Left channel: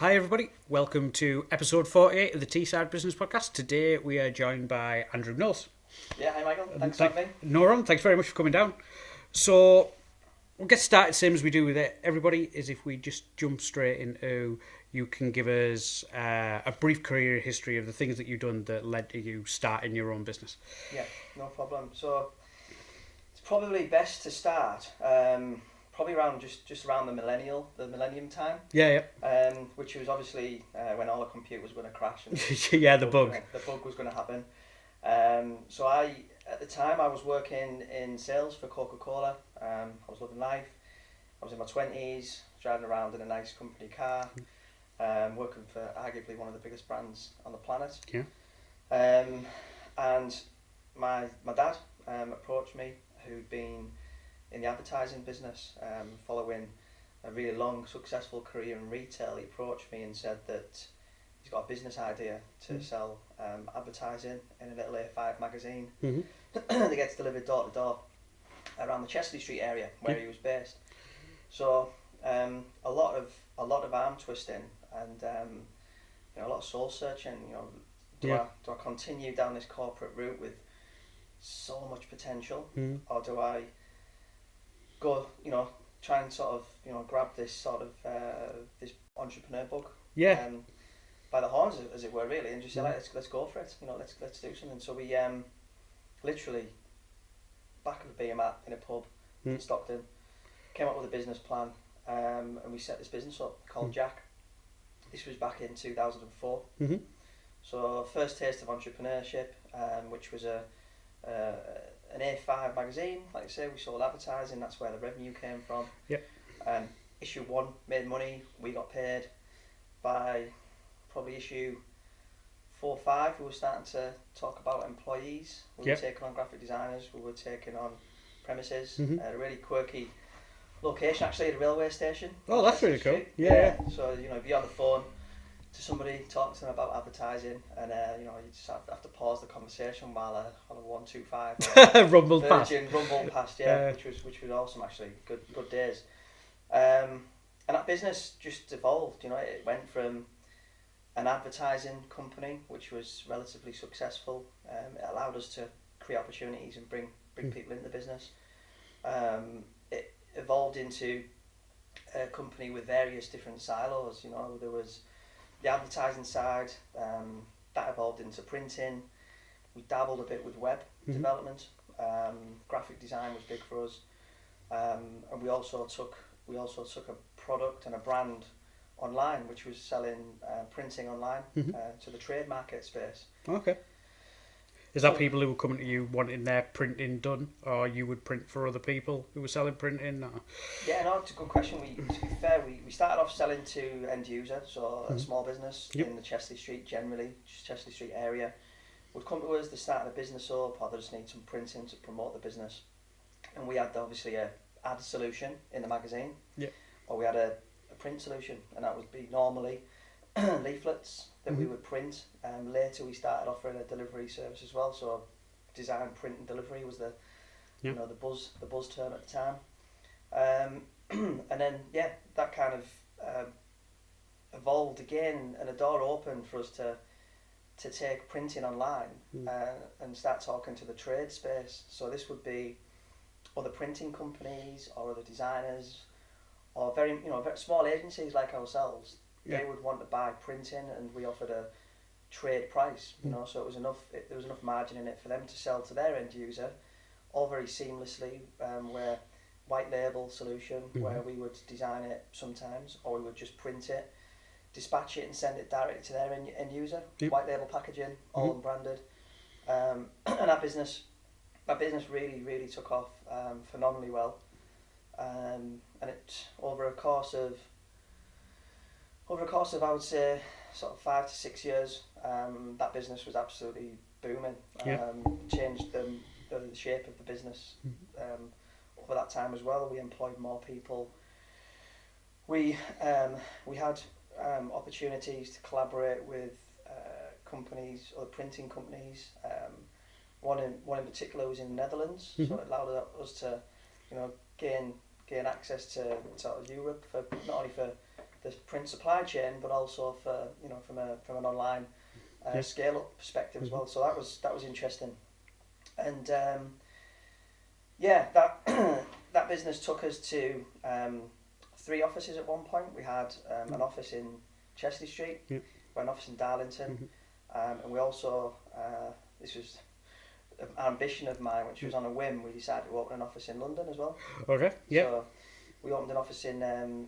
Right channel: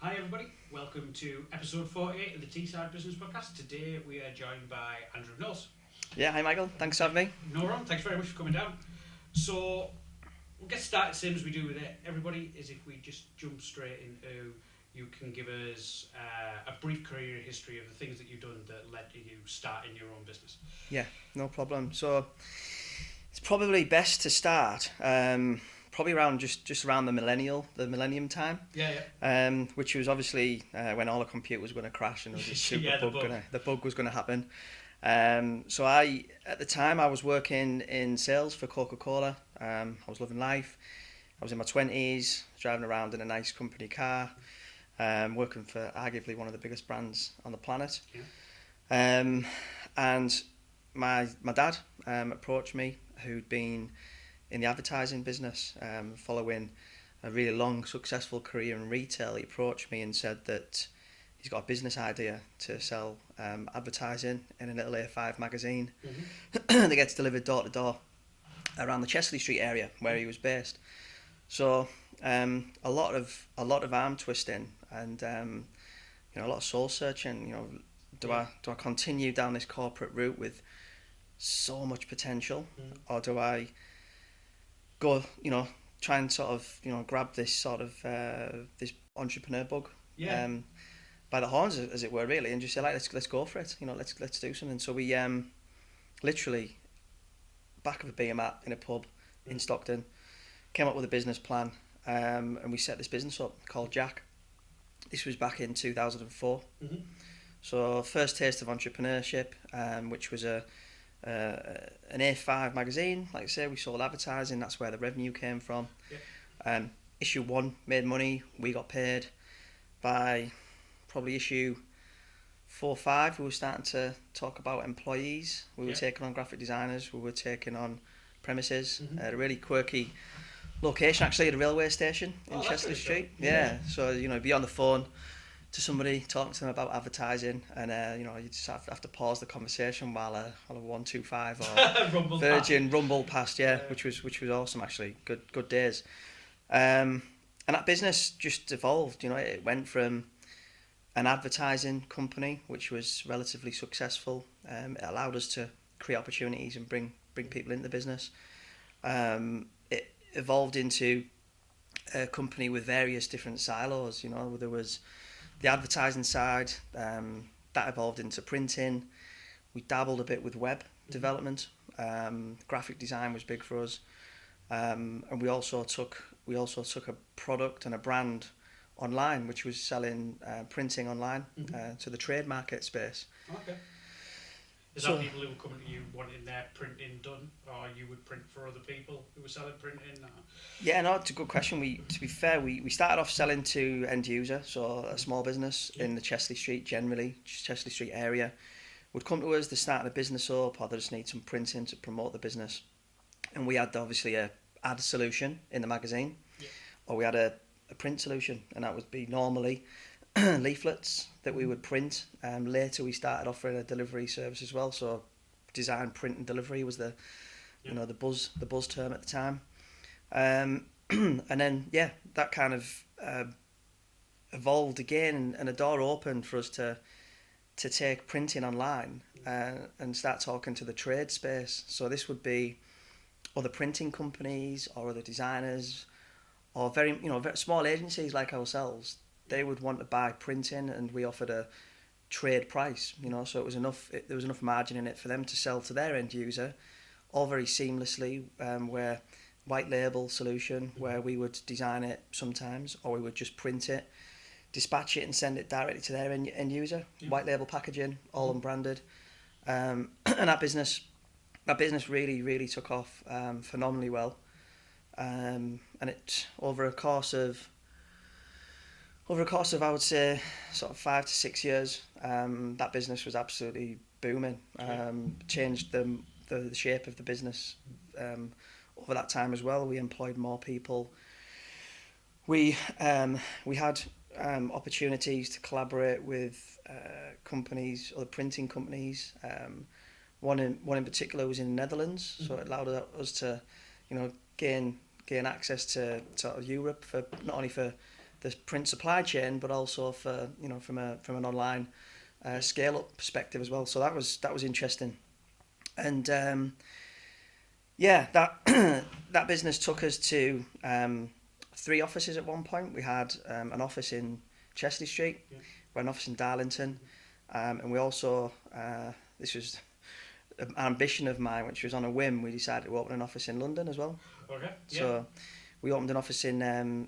Hi everybody, welcome to episode 48 of the Teesside Business Podcast. Today we are joined by Andrew Knowles. Yeah, hi Michael, thanks for having me. No wrong, thanks very much for coming down. So we'll get started same as we do with everybody, is if we just jump straight into, you can give us a brief career history of the things that you've done that led to you starting your own business. Yeah, no problem. So it's probably best to start probably around just around the millennium time. Yeah. Which was obviously when all the computers were going to crash and Yeah, the bug. The bug was going to happen. So at the time I was working in sales for Coca-Cola. I was loving life. I was in my 20s, driving around in a nice company car, working for arguably one of the biggest brands on the planet. Yeah. And my dad approached me, who'd been in the advertising business, following a really long, successful career in retail. He approached me and said that he's got a business idea to sell advertising in a little A5 magazine that gets delivered door to door around the Chesley Street area where he was based. So a lot of arm twisting and a lot of soul searching. Do I continue down this corporate route with so much potential, or do I go, try and sort of, grab this sort of this entrepreneur bug, by the horns, as it were, really, and just say, let's go for it. Let's do something. So we literally back of a beer mat in a pub in Stockton came up with a business plan, and we set this business up called Jack. This was back in 2004. So first taste of entrepreneurship, which was an A5 magazine. Like I say, we sold advertising. That's where the revenue came from. Issue 1 made money. We got paid. By probably issue 4 or 5, we were starting to talk about employees. We were taking on graphic designers. We were taking on premises at a really quirky location, actually, at a railway station. Oh, that's really cool. Yeah. So be on the phone to somebody, talk to them about advertising, and you just have to pause the conversation while a 125 or rumble past, which was awesome, actually. Good days. And that business just evolved. It went from an advertising company, which was relatively successful. It allowed us to create opportunities and bring people into the business. It evolved into a company with various different silos. There was the advertising side, that evolved into printing. We dabbled a bit with web development. Graphic design was big for us, and we also took a product and a brand online, which was selling printing online to the trade market space. Okay. Is that people who were coming to you wanting their printing done, or you would print for other people who were selling printing? Or? Yeah, no, it's a good question. To be fair, we started off selling to end user, so a small business in the Chesley Street Chesley Street area would come to us. They're starting a business up, or they just need some printing to promote the business. And we had obviously a ad solution in the magazine, or we had a print solution, and that would be normally leaflets that we would print. Later we started offering a delivery service as well, so design, print and delivery was the the buzz term at the time. And then that kind of evolved again, and a door opened for us to take printing online and start talking to the trade space. So this would be other printing companies or other designers or very small agencies like ourselves. They would want to buy printing, and we offered a trade price, so it was there was enough margin in it for them to sell to their end user, all very seamlessly, where white label solution, where we would design it sometimes, or we would just print it, dispatch it and send it directly to their end user, white label packaging, all unbranded. And that business really, really took off phenomenally well. And it over a course of I would say sort of 5 to 6 years, that business was absolutely booming. Changed the shape of the business over that time as well. We employed more people. We had opportunities to collaborate with companies, other printing companies. One in particular was in the Netherlands, so it allowed us to gain access to sort of Europe, for not only for the print supply chain, but also for from an online scale up perspective as well. So that was interesting, and that that business took us to 3 offices at one point. We had an office in Chesley Street, we had an office in Darlington, and we also this was an ambition of mine, which was on a whim. We decided to open an office in London as well. Okay. Yeah. So we opened an office in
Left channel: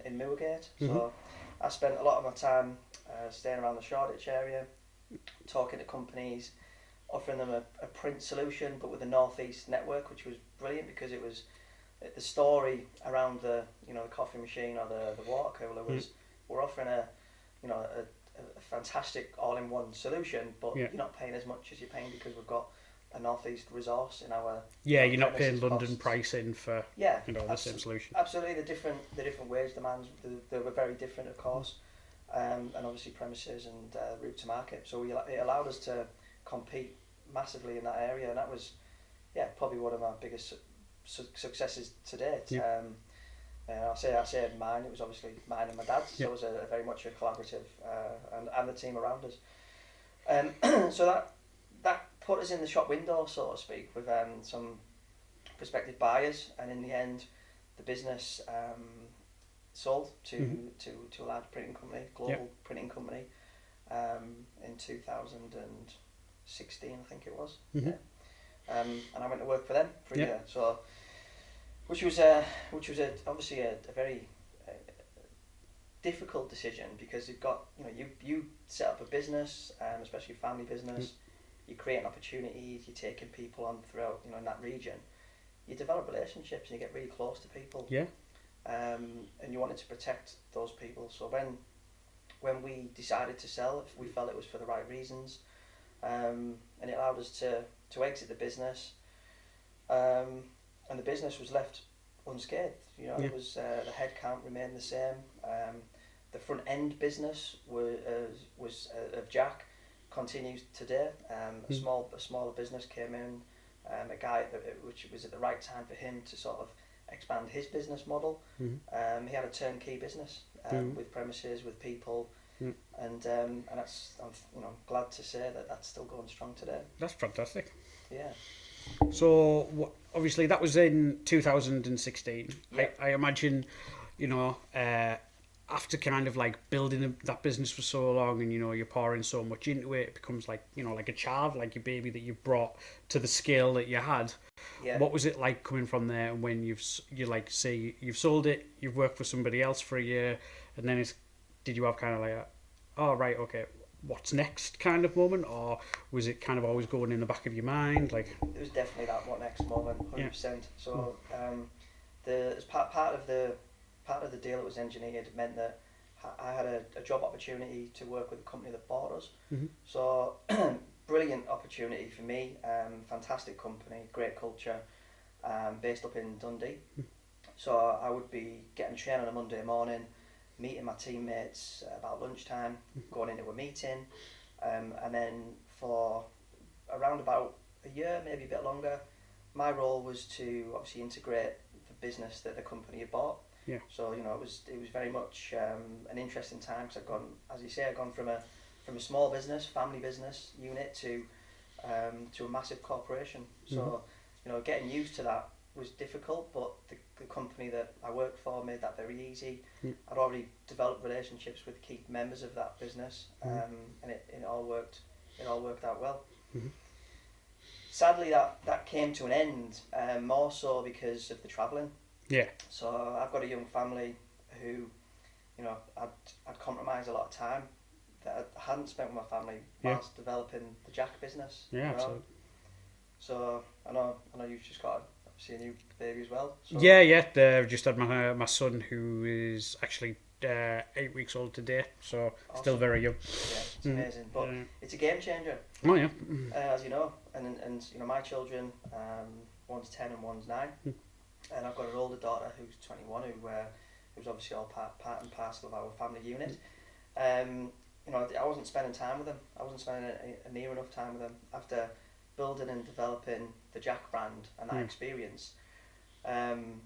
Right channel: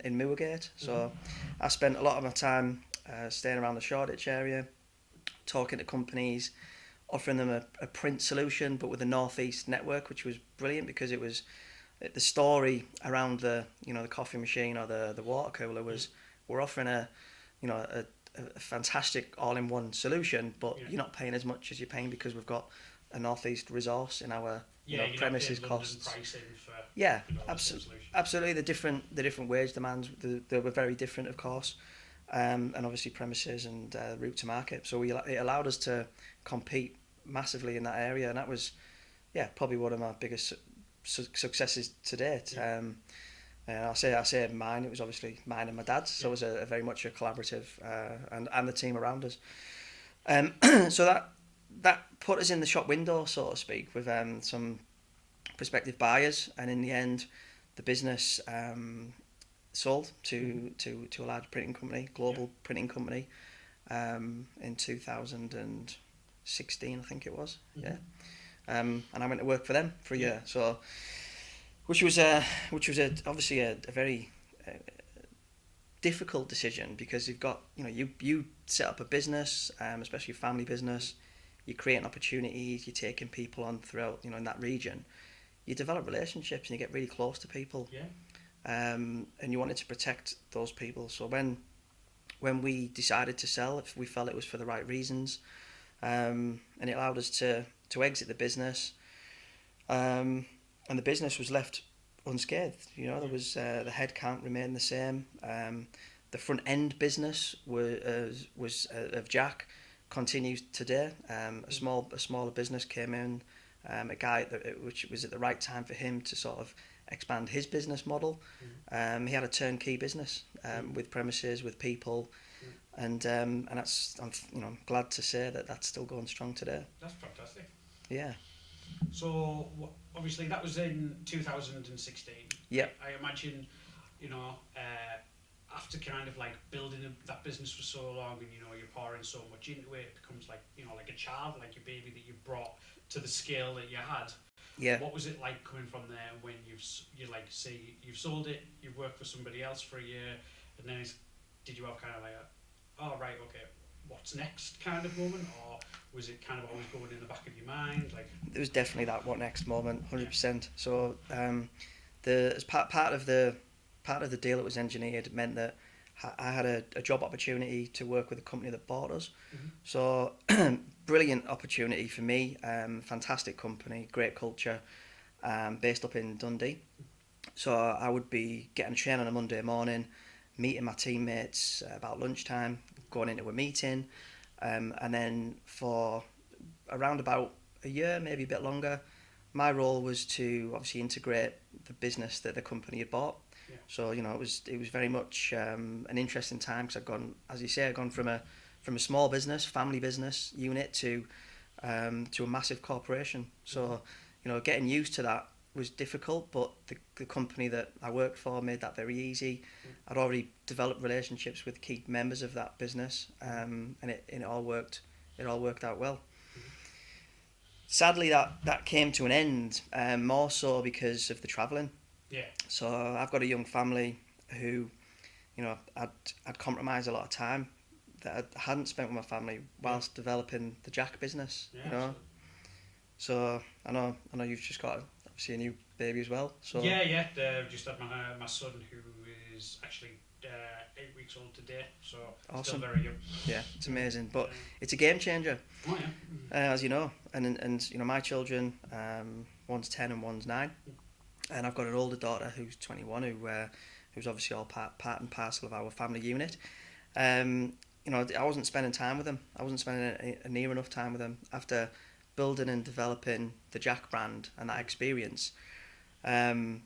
Moorgate. So I spent a lot of my time staying around the Shoreditch area, talking to companies, offering them a print solution, but with a northeast network, which was brilliant because it was the story around the the coffee machine or the water cooler was we're offering a fantastic all-in-one solution, but you're not paying as much as you're paying because we've got a northeast resource in our you're not paying London pricing for the same solution. Absolutely, the different wage demands they were very different, of course, and obviously premises and route to market. So it allowed us to compete massively in that area, and that was probably one of my biggest successes to date. I say mine. It was obviously mine and my dad's. So it was a very much a collaborative, and the team around us. So that put us in the shop window, so to speak, with some prospective buyers, and in the end, the business sold to a large printing company, global printing company, in 2016, I think it was. And I went to work for them for a year. So, which was obviously a very difficult decision, because you've got you set up a business, especially a family business. You're creating opportunities, you're taking people on throughout, in that region. You develop relationships and you get really close to people. And you wanted to protect those people. So when we decided to sell, we felt it was for the right reasons, and it allowed us to exit the business. And the business was left unscathed. There was the headcount remained the same. The front end business was of Jack. Continues today. A smaller business came in, a guy which was at the right time for him to sort of expand his business model. He had a turnkey business with premises, with people, and that's I'm glad to say that that's still going strong today. That's fantastic. Yeah. So obviously that was in 2016. Yeah. I imagine, after kind of like building that business for so long, and you're pouring so much into it, it becomes like like a child, like your baby that you've brought to the scale that you had. Yeah. What was it like coming from there, and when you've sold it, you've worked for somebody else for a year, and then did you have kind of like okay, what's next kind of moment, or was it kind of always going in the back of your mind? Like, it was definitely that what next moment, 100%. So as part of the deal that was engineered, it meant that I had a job opportunity to work with a company that bought us. So brilliant opportunity for me, fantastic company, great culture, based up in Dundee. So I would be getting a train on a Monday morning, meeting my teammates about lunchtime, going into a meeting, and then for around about a year, maybe a bit longer, my role was to obviously integrate the business that the company had bought. So it was very much an interesting time, because I've gone from a small business, family business unit to a massive corporation. So getting used to that was difficult, but the company that I worked for made that very easy. I'd already developed relationships with key members of that business, and it all worked out well. Sadly, that came to an end, more so because of the travelling. So I've got a young family who, I'd compromised a lot of time that I hadn't spent with my family whilst developing the Jack business. Absolutely. So I know you've just got obviously a new baby as well. So I've just had my son, who is actually 8 weeks old today, so awesome. Still very young. It's amazing, but it's a game changer. As you know, and my children, one's 10 and one's 9. And I've got an older daughter who's 21, who's obviously all part and parcel of our family unit. I wasn't spending time with them. I wasn't spending near enough time with them after building and developing the Jack brand and that experience. The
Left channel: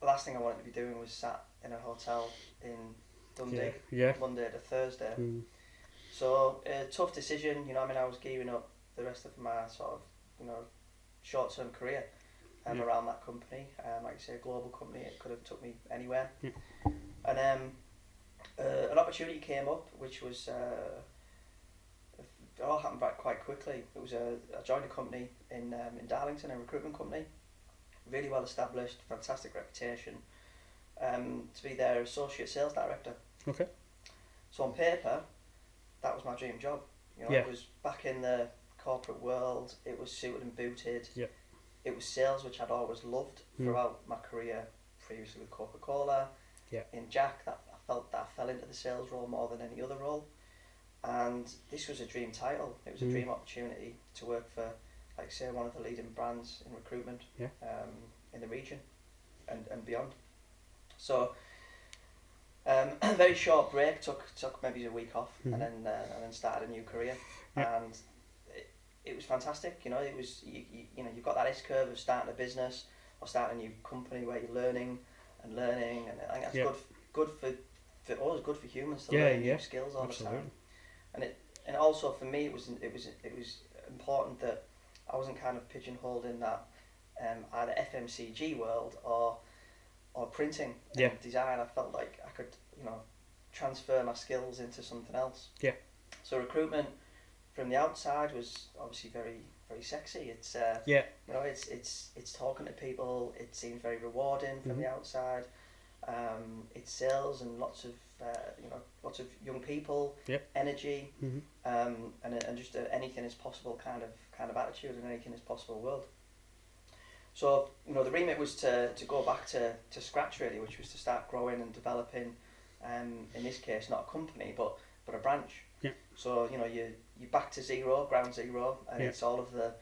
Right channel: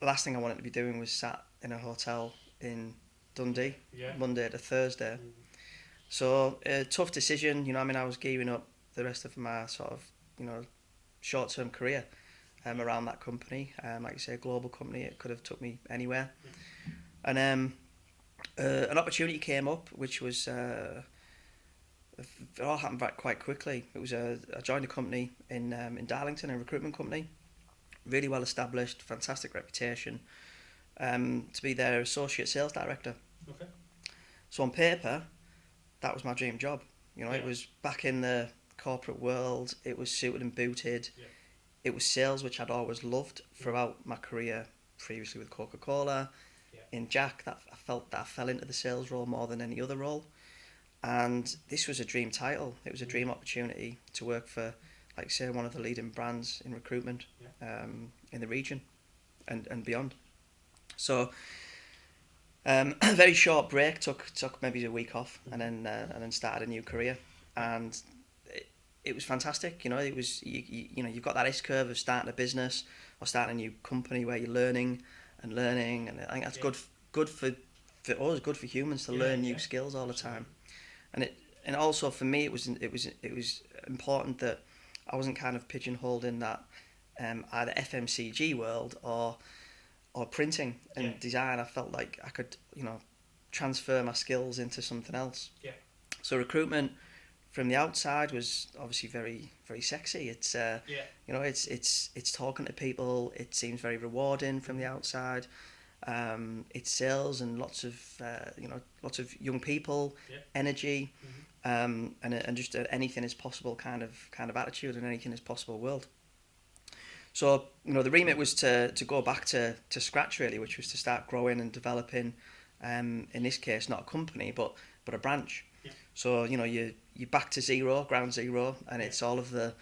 last thing I wanted to be doing was sat in a hotel in Dundee, Yeah. Monday to Thursday. So a tough decision, you know. I mean, I was gearing up the rest of my sort of, you know, short-term career around that company. Like you say, a global company. It could have took me anywhere. And an opportunity came up, which was it all happened quite quickly. It was I joined a company in Darlington, a recruitment company, really well established, fantastic reputation. To be their associate sales director. Okay. So on paper, that was my dream job. You know, it was back in the corporate world. It was suited and booted. Yeah. It was sales, which I'd always loved throughout my career, previously with Coca-Cola. Yeah. In Jack, that I felt that I fell into the sales role more than any other role. And this was a dream title. It was a dream opportunity to work for, like say, one of the leading brands in recruitment in the region and beyond. So a very short break, took maybe a week off, and then started a new career, and it was fantastic. You know, it was you know, you've got that S curve of starting a business or starting a new company where you're learning, and I think that's good for us, good for humans to learn new skills all the time. And also for me, it was important that I wasn't kind of pigeonholed in that either FMCG world or printing and design. I felt like I could, you know, transfer my skills into something else. Yeah. So recruitment from the outside was obviously very, very sexy. It's you know, it's talking to people. It seems very rewarding from the outside. It's sales and lots of young people, energy, and just anything is possible kind of attitude, and anything is possible world. So, you know, the remit was to go back to scratch really, which was to start growing and developing, in this case not a company but a branch. Yeah. So, you know, you're back to zero, ground zero, and it's all of the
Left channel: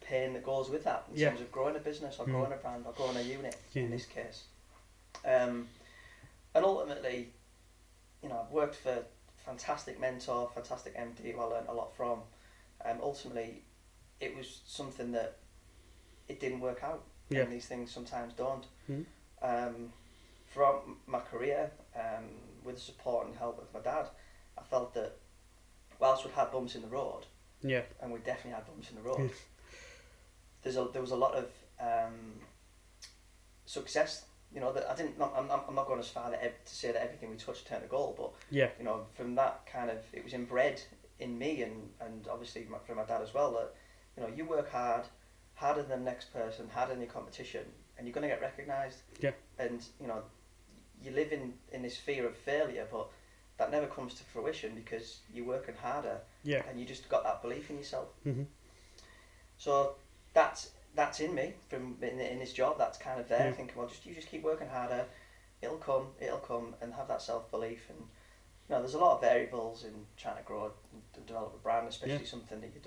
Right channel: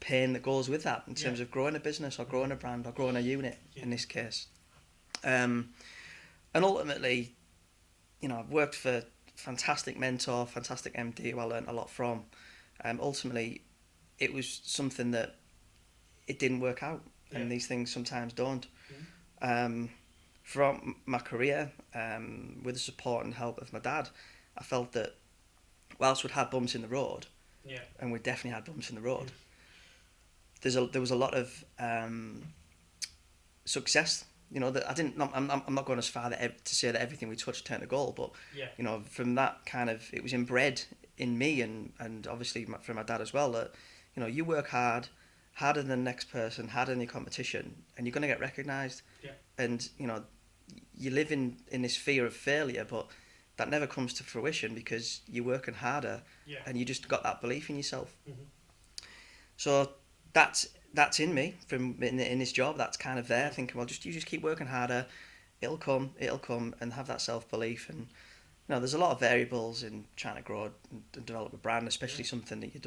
pain that goes with that in terms of growing a business or growing a brand or growing a unit in this case. And ultimately, you know, I've worked for fantastic mentor, fantastic MD who I learnt a lot from. Ultimately, it was something that it didn't work out, and these things sometimes don't. Throughout my career, with the support and help of my dad, I felt that whilst we'd had bumps in the road, and we definitely had bumps in the road, there was a lot of success. You know, that I'm not going as far to say that everything we touched turned to gold, but you know, from that kind of, it was inbred in me and obviously from my dad as well, that, you know, you work harder than the next person, harder than your competition, and you're going to get recognised. Yeah. And, you know, you live in this fear of failure, but that never comes to fruition because you're working harder, and you just got that belief in yourself. So that's in me from in this job. That's kind of there. Thinking, well, you just keep working harder, it'll come, and have that self belief. And, you know, there's a lot of variables in trying to grow and develop a brand, especially something that you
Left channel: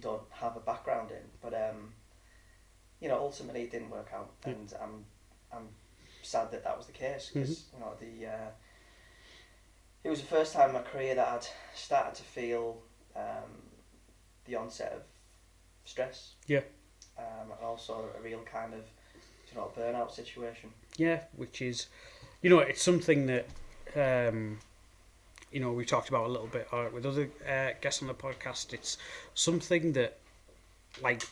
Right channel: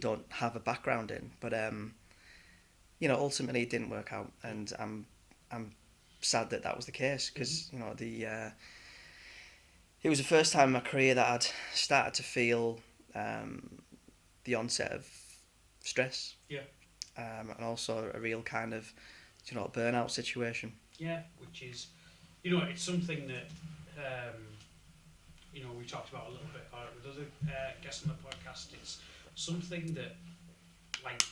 don't have a background in. But you know, ultimately it didn't work out, and I'm sad that was the case, because you know, it was the first time in my career that I'd started to feel the onset of stress. Yeah. And also a real kind of, you know, burnout situation. Yeah, which is, you know, it's something that, you know, we talked about a little bit with other guests on the podcast. It's something that, like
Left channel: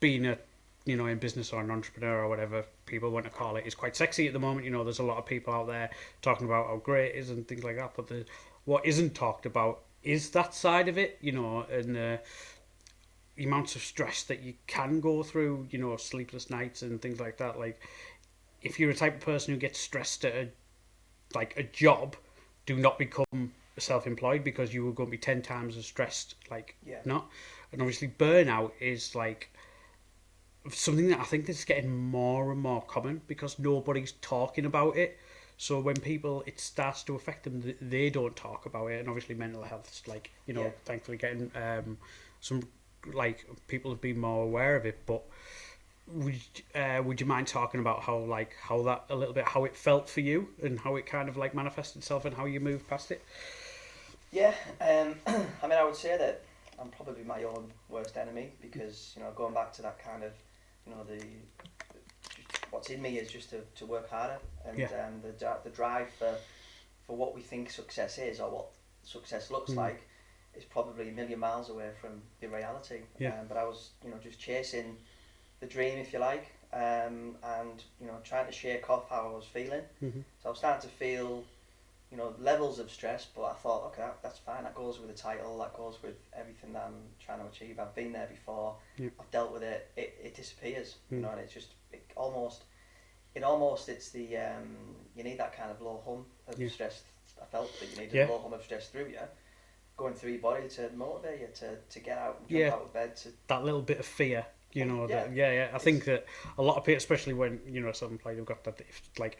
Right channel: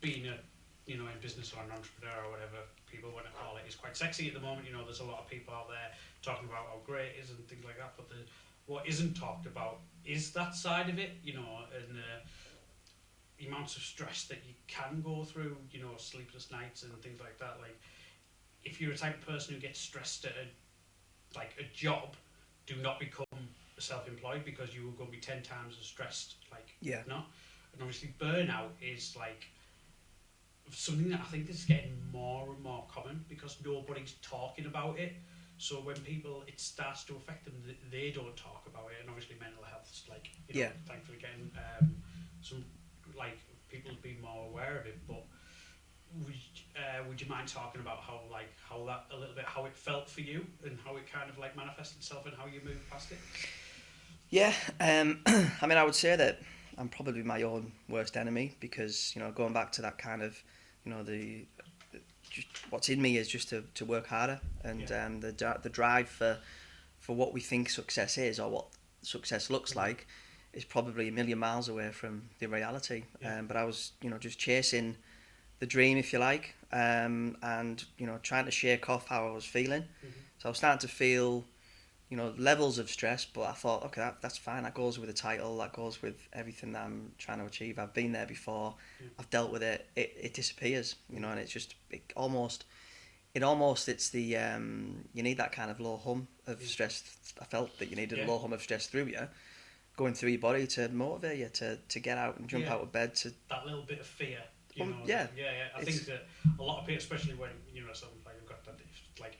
being a, you know, in business or an entrepreneur or whatever people want to call it, is quite sexy at the moment. You know, there's a lot of people out there talking about how great it is and things like that. But what isn't talked about is that side of it, you know, and the amounts of stress that you can go through, you know, sleepless nights and things like that. Like, if you're a type of person who gets stressed at a job, do not become self-employed, because you will go and be 10 times as stressed. Not. And obviously burnout is like something that I think is getting more and more common because nobody's talking about it. So when it starts to affect them, they don't talk about it. And obviously mental health's like, you know, thankfully getting some, like, people have been more aware of it. But would you mind talking about how that a little bit, how it felt for you and how it kind of like manifested itself and how you moved past it? Yeah, I mean, I would say that I'm probably my own worst enemy, because, you know, going back to that kind of, you know, what's in me is just to work harder, and the drive for what we think success is, or what success looks like, is probably a million miles away from the reality. But I was, just chasing the dream, if you like, and trying to shake off how I was feeling. So I was starting to feel, levels of stress, but I thought, okay, that's fine. That goes with the title. That goes with everything that I'm trying to achieve. I've been there before. I've dealt with it. It disappears, and it's just it's the you need that kind of low hum of stress. I felt that you needed a low hum of stress through you, going through your body to motivate you to get out and jump out of bed. To that little bit of fear, I think that a lot of people, especially when self-employed, have got that. Like,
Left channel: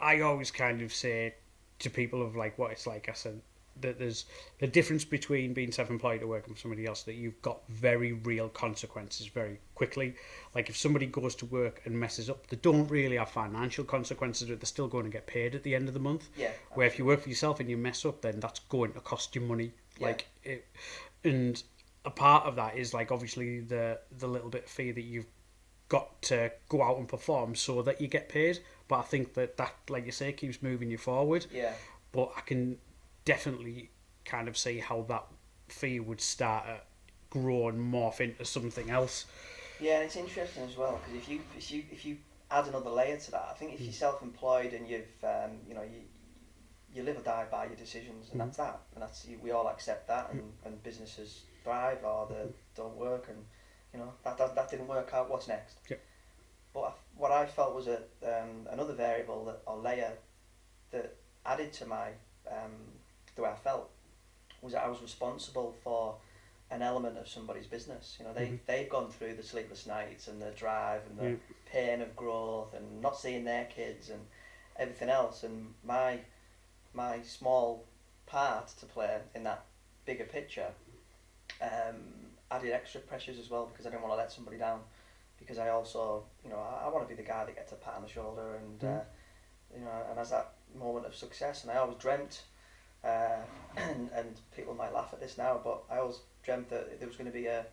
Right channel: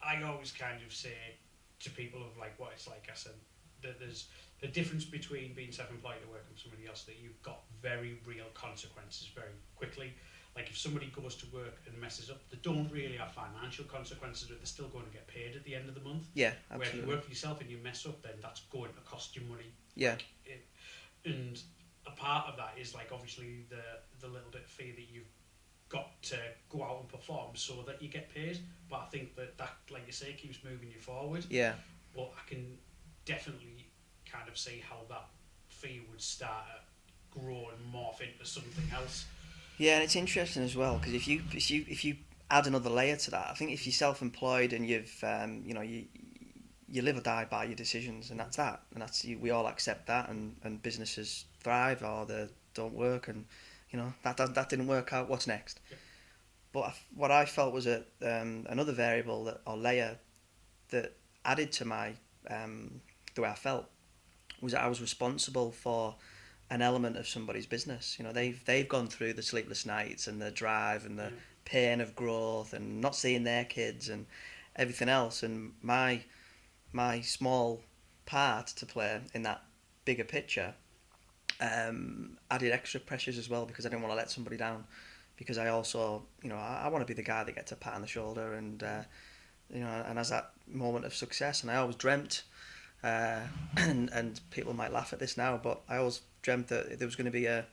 I always kind of say to people of like what it's like. I said that there's the difference between being self-employed or working for somebody else, that you've got very real consequences very quickly. Like, if somebody goes to work and messes up, they don't really have financial consequences, but they're still going to get paid at the end of the month. Yeah, absolutely. Where if you work for yourself and you mess up, then that's going to cost you money. Yeah. And a part of that is like obviously the little bit of fee that you've got to go out and perform so that you get paid. But I think that like you say, keeps moving you forward. Yeah. But I can definitely kind of see how that fee would start to grow and morph into something else. Yeah, and it's interesting as well, because if you add another layer to that, I think if you're self-employed and you've you live or die by your decisions, and that's that, and we all accept that, and businesses thrive or they don't work, and that didn't work out. What's next? Yeah. But what I felt was another variable or layer that added to my the way I felt was that I was responsible for an element of somebody's business. They've gone through the sleepless nights and the drive and the pain of growth and not seeing their kids and everything else, and my small part to play in that bigger picture added extra pressures as well, because I didn't want to let somebody down, because I also I want to be the guy that gets a pat on the shoulder and and has that moment of success. And I always dreamt and people might laugh at this now, but I always dreamt that there was going to be a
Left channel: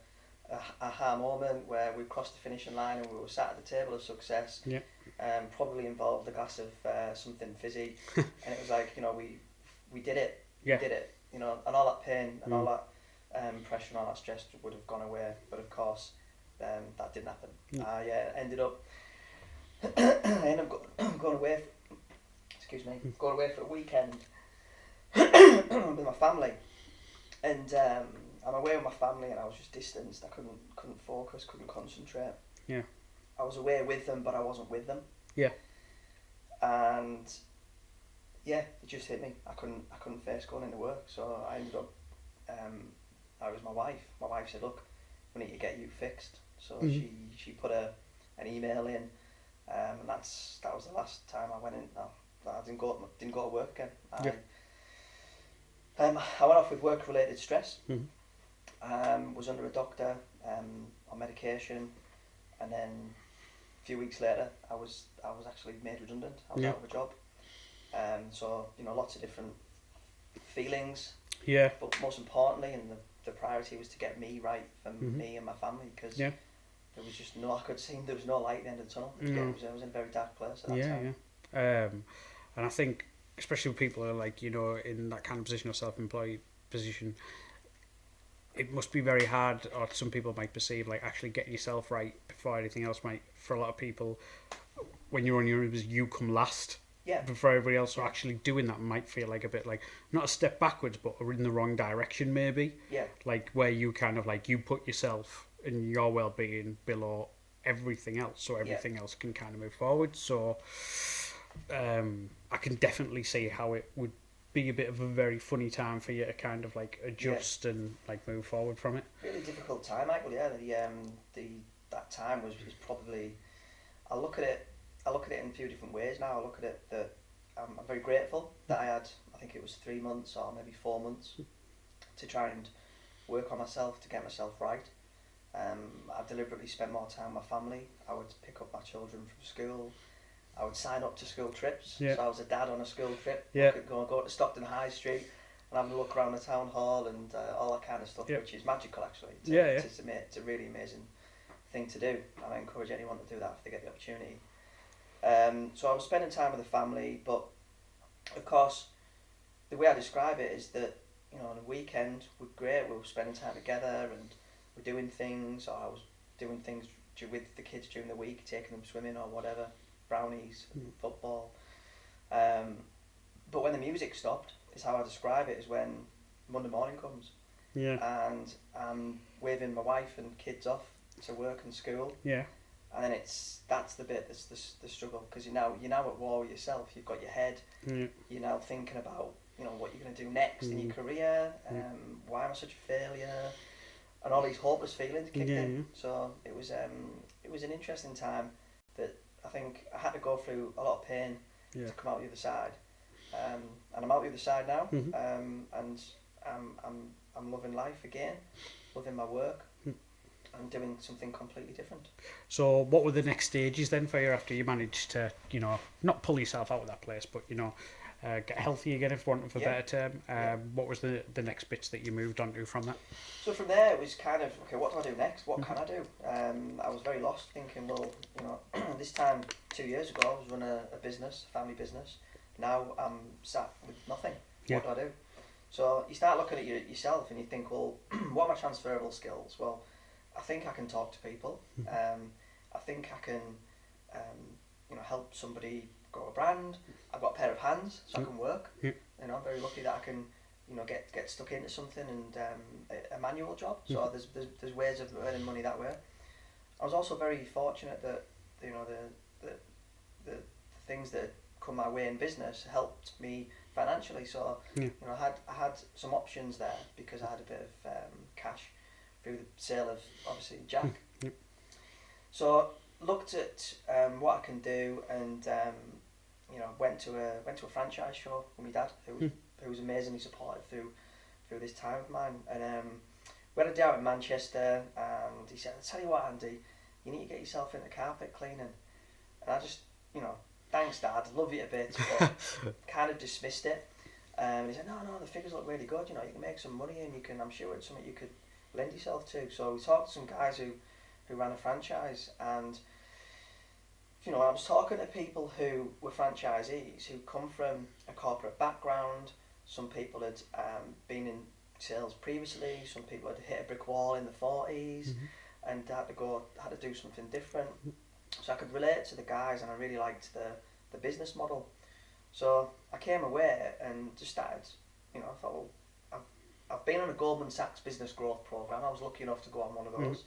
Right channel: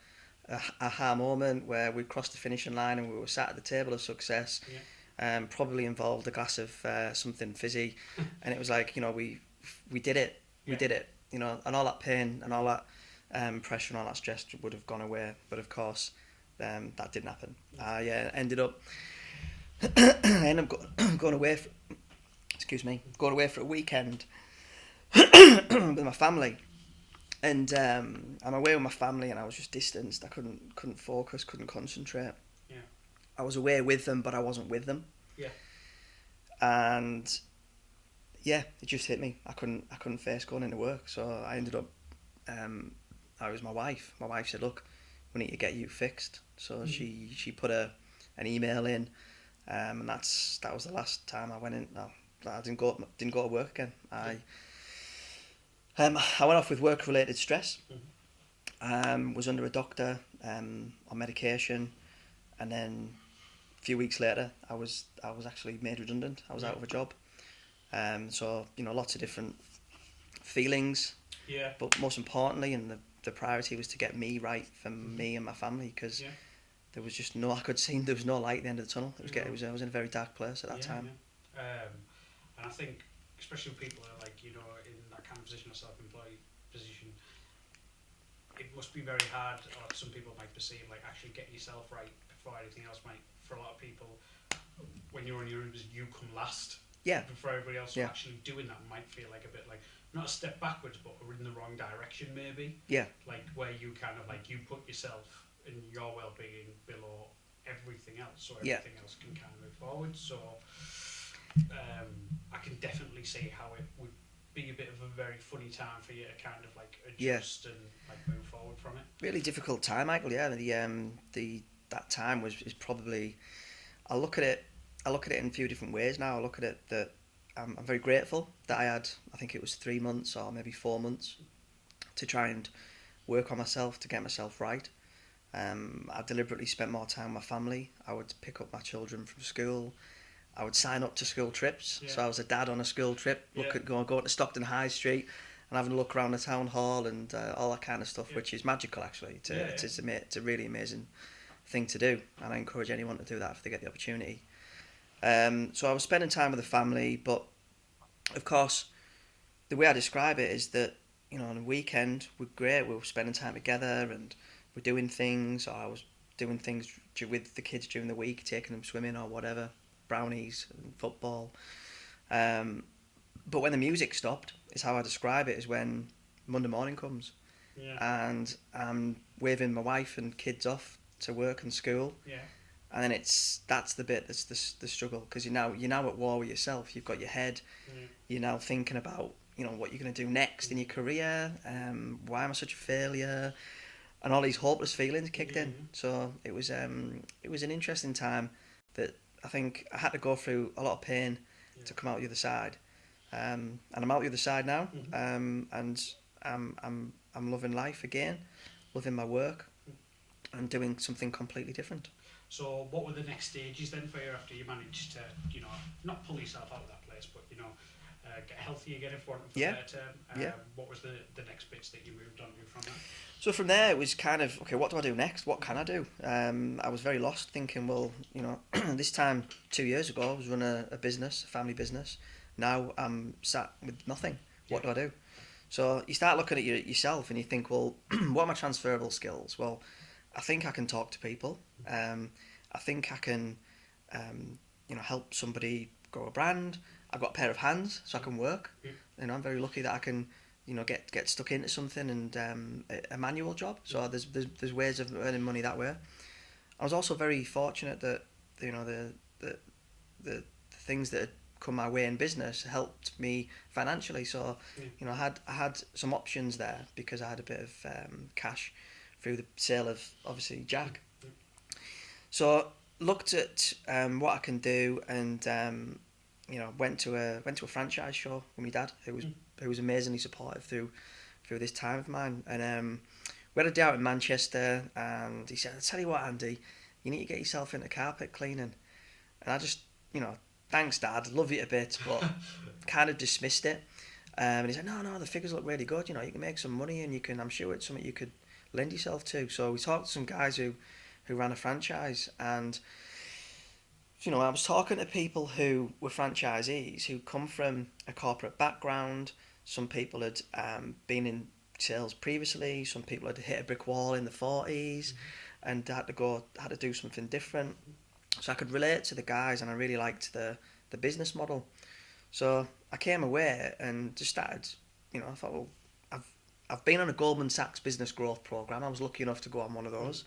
aha moment where we crossed the finishing line and we were sat at the table of success. Probably involved a glass of something fizzy, and it was like, we did it. We did it, and all that pain and all that pressure and all that stress would have gone away, but of course that didn't happen. I ended up going away going away for a weekend with my family, and I'm away with my family, and I was just distanced. I couldn't focus, couldn't concentrate. I was away with them, but I wasn't with them. And it just hit me. I couldn't face going into work, so I ended up it was my wife. My wife said, "Look, we need to get you fixed." So she put an email in, and that was the last time I went in. No, I didn't go to work again. I went off with work-related stress. Was under a doctor on medication, and then a few weeks later, I was actually made redundant. I was out of a job. So lots of different feelings. But most importantly, and the priority was to get me right for me and my family, because there was just I could see there was no light at the end of the tunnel. I was in a very dark place at that time. And I think, especially with people who are like, in that kind of position or self-employed position, it must be very hard, or some people might perceive, like actually getting yourself right before anything else might, for a lot of people, when you're on your own, you come last. Before everybody else, so actually doing that might feel like a bit like, not a step backwards, but in the wrong direction maybe. Like where you kind of like, you put yourself and your well-being below everything else, so everything else can kind of move forward. So I can definitely see how it would be a bit of a very funny time for you to kind of like adjust and like move forward from it. Really difficult time, Michael. That time is probably, I look at it in a few different ways now. I look at it that I'm very grateful that I had, I think it was 3 months or maybe 4 months to try and work on myself, to get myself right. I deliberately spent more time with my family. I would pick up my children from school. I would sign up to school trips. So I was a dad on a school trip. Go to Stockton High Street and having a look around the town hall and all that kind of stuff, which is magical actually. It's a really amazing thing to do, and I encourage anyone to do that if they get the opportunity. So I was spending time with the family, but of course, the way I describe it is that, you know, on a weekend we're great. We were spending time together and we're doing things. Or I was doing things with the kids during the week, taking them swimming or whatever, brownies, and football. But when the music stopped, is how I describe it, is when Monday morning comes. Yeah. And I'm waving my wife and kids off to work and school. Yeah. And then that's the bit that's the struggle, because you're now at war with yourself. You've got your head. You're now thinking about, you know, what you're going to do next in your career. Why am I such a failure? And all these hopeless feelings kicked in. So it was an interesting time that I think I had to go through a lot of pain to come out the other side. And I'm out the other side now. And I'm loving life again, loving my work, and doing something completely different. So what were the next stages then for you after you managed to, you know, not pull yourself out of that place, but, you know, get healthy again, if want of a better term? What was the next bits that you moved on to from that? So from there it was kind of, okay, what do I do next? What can I do? I was very lost, thinking, well, you know, this time 2 years ago I was running a business, a family business. Now I'm sat with nothing. What do I do? So you start looking at yourself and you think, well, what are my transferable skills? Well, I think I can talk to people. I think I can, you know, help somebody grow a brand. I've got a pair of hands, so I can work. You know, I'm very lucky that I can, you know, get stuck into something and a manual job. So there's ways of earning money that way. I was also very fortunate that, you know, the things that had come my way in business helped me financially. So you know, I had some options there because I had a bit of cash through the sale of, obviously, Jack. So looked at what I can do, and you know, went to a franchise show with my dad, who was amazingly supportive through this time of mine. And we had a day out in Manchester, and he said, "I'll tell you what, Andy, you need to get yourself into carpet cleaning." And I just, you know, thanks, Dad, love you a bit, but kind of dismissed it. And he said, no, the figures look really good. You know, you can make some money, and you can. I'm sure it's something you could lend yourself to. So we talked to some guys who ran a franchise, and, you know, I was talking to people who were franchisees who come from a corporate background. Some people had been in sales previously. Some people had hit a brick wall in the 40s and had to do something different. So I could relate to the guys, and I really liked the business model. So I came away and just started, you know, I thought, well, I've been on a Goldman Sachs business growth program. I was lucky enough to go on one of those.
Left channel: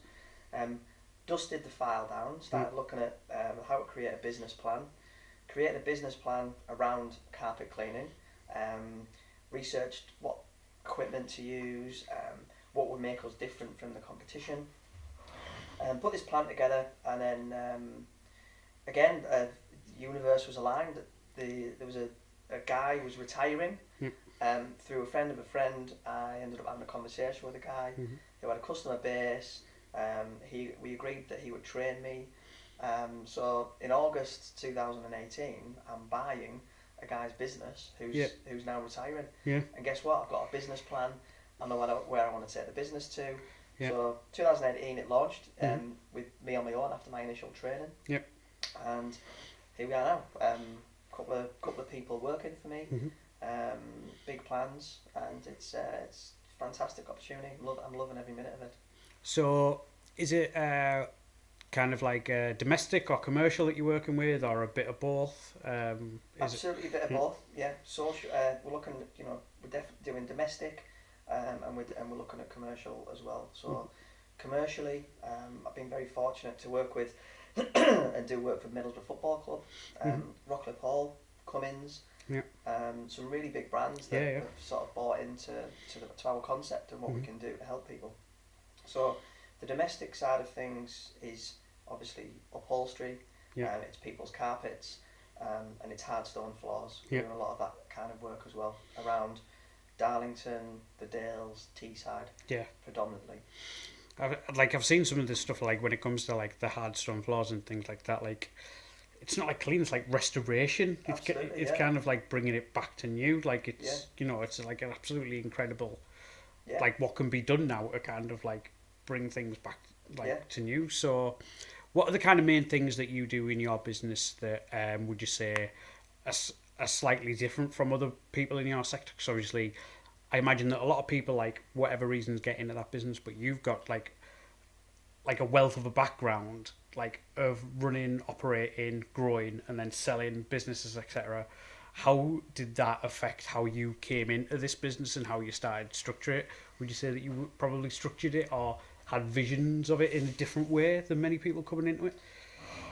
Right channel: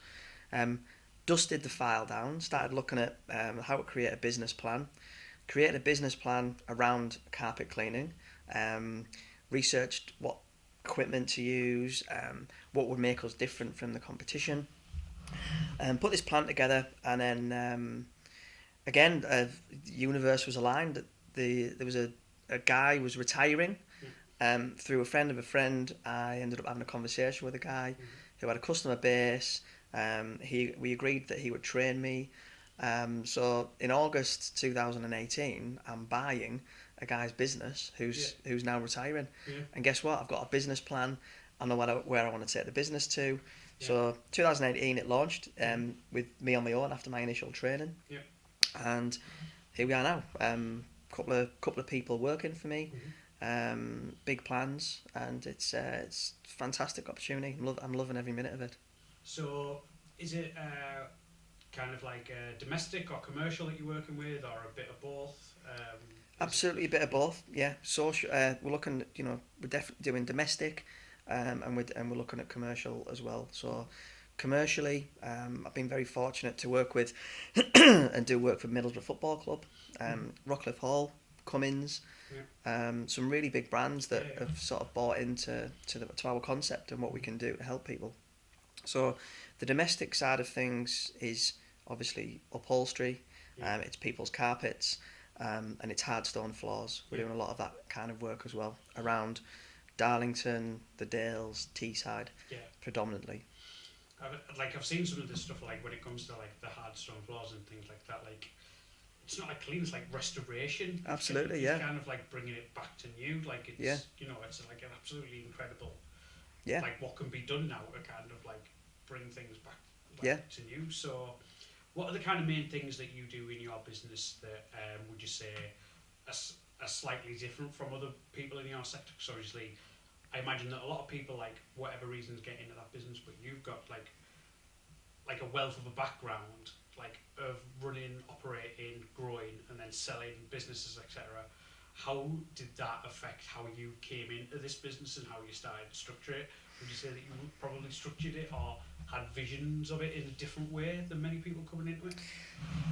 Dusted the file down, started looking at how to create a business plan. Created a business plan around carpet cleaning. Researched what equipment to use, what would make us different from the competition. Put this plan together, and then again, the universe was aligned. There was a guy who was retiring. Through a friend of a friend, I ended up having a conversation with a guy who had a customer base. We agreed that he would train me. So in August 2018, I'm buying a guy's business who's now retiring. And guess what? I've got a business plan. I know where I want to take the business to. So 2018 it launched with me on my own after my initial training. And here we are now. Couple of people working for me. Big plans, and it's a fantastic opportunity. I'm loving every minute of it. So is it kind of like domestic or commercial that you're working with, or a bit of both? Absolutely, a bit of both. Yeah, social. We're looking. You know, we're definitely doing domestic, and we're looking at commercial as well. So commercially, I've been very fortunate to work with and do work for Middlesbrough Football Club, Rockcliffe Hall, Cummins. Some really big brands that have sort of bought into our concept and what we can do to help people. So the domestic side of things is obviously upholstery. It's people's carpets, and it's hard stone floors. We do a lot of that kind of work as well around Darlington, the Dales, Teesside, predominantly. I've seen some of this stuff, like when it comes to like the hard stone floors and things like that. Like, it's not like clean, it's like restoration. Absolutely, it's kind of like bringing it back to new. Like, it's you know, it's like an absolutely incredible, like what can be done now to kind of like bring things back to new. So, what are the kind of main things that you do in your business that would you say are slightly different from other people in your sector? Because obviously, I imagine that a lot of people, like whatever reasons, get into that business, but you've got like a wealth of a background, like of running, operating, growing, and then selling businesses, etc. How did that affect how you came into this business and how you started to structure it? Would you say that you probably structured it or had visions of it in a different way than many people coming into it?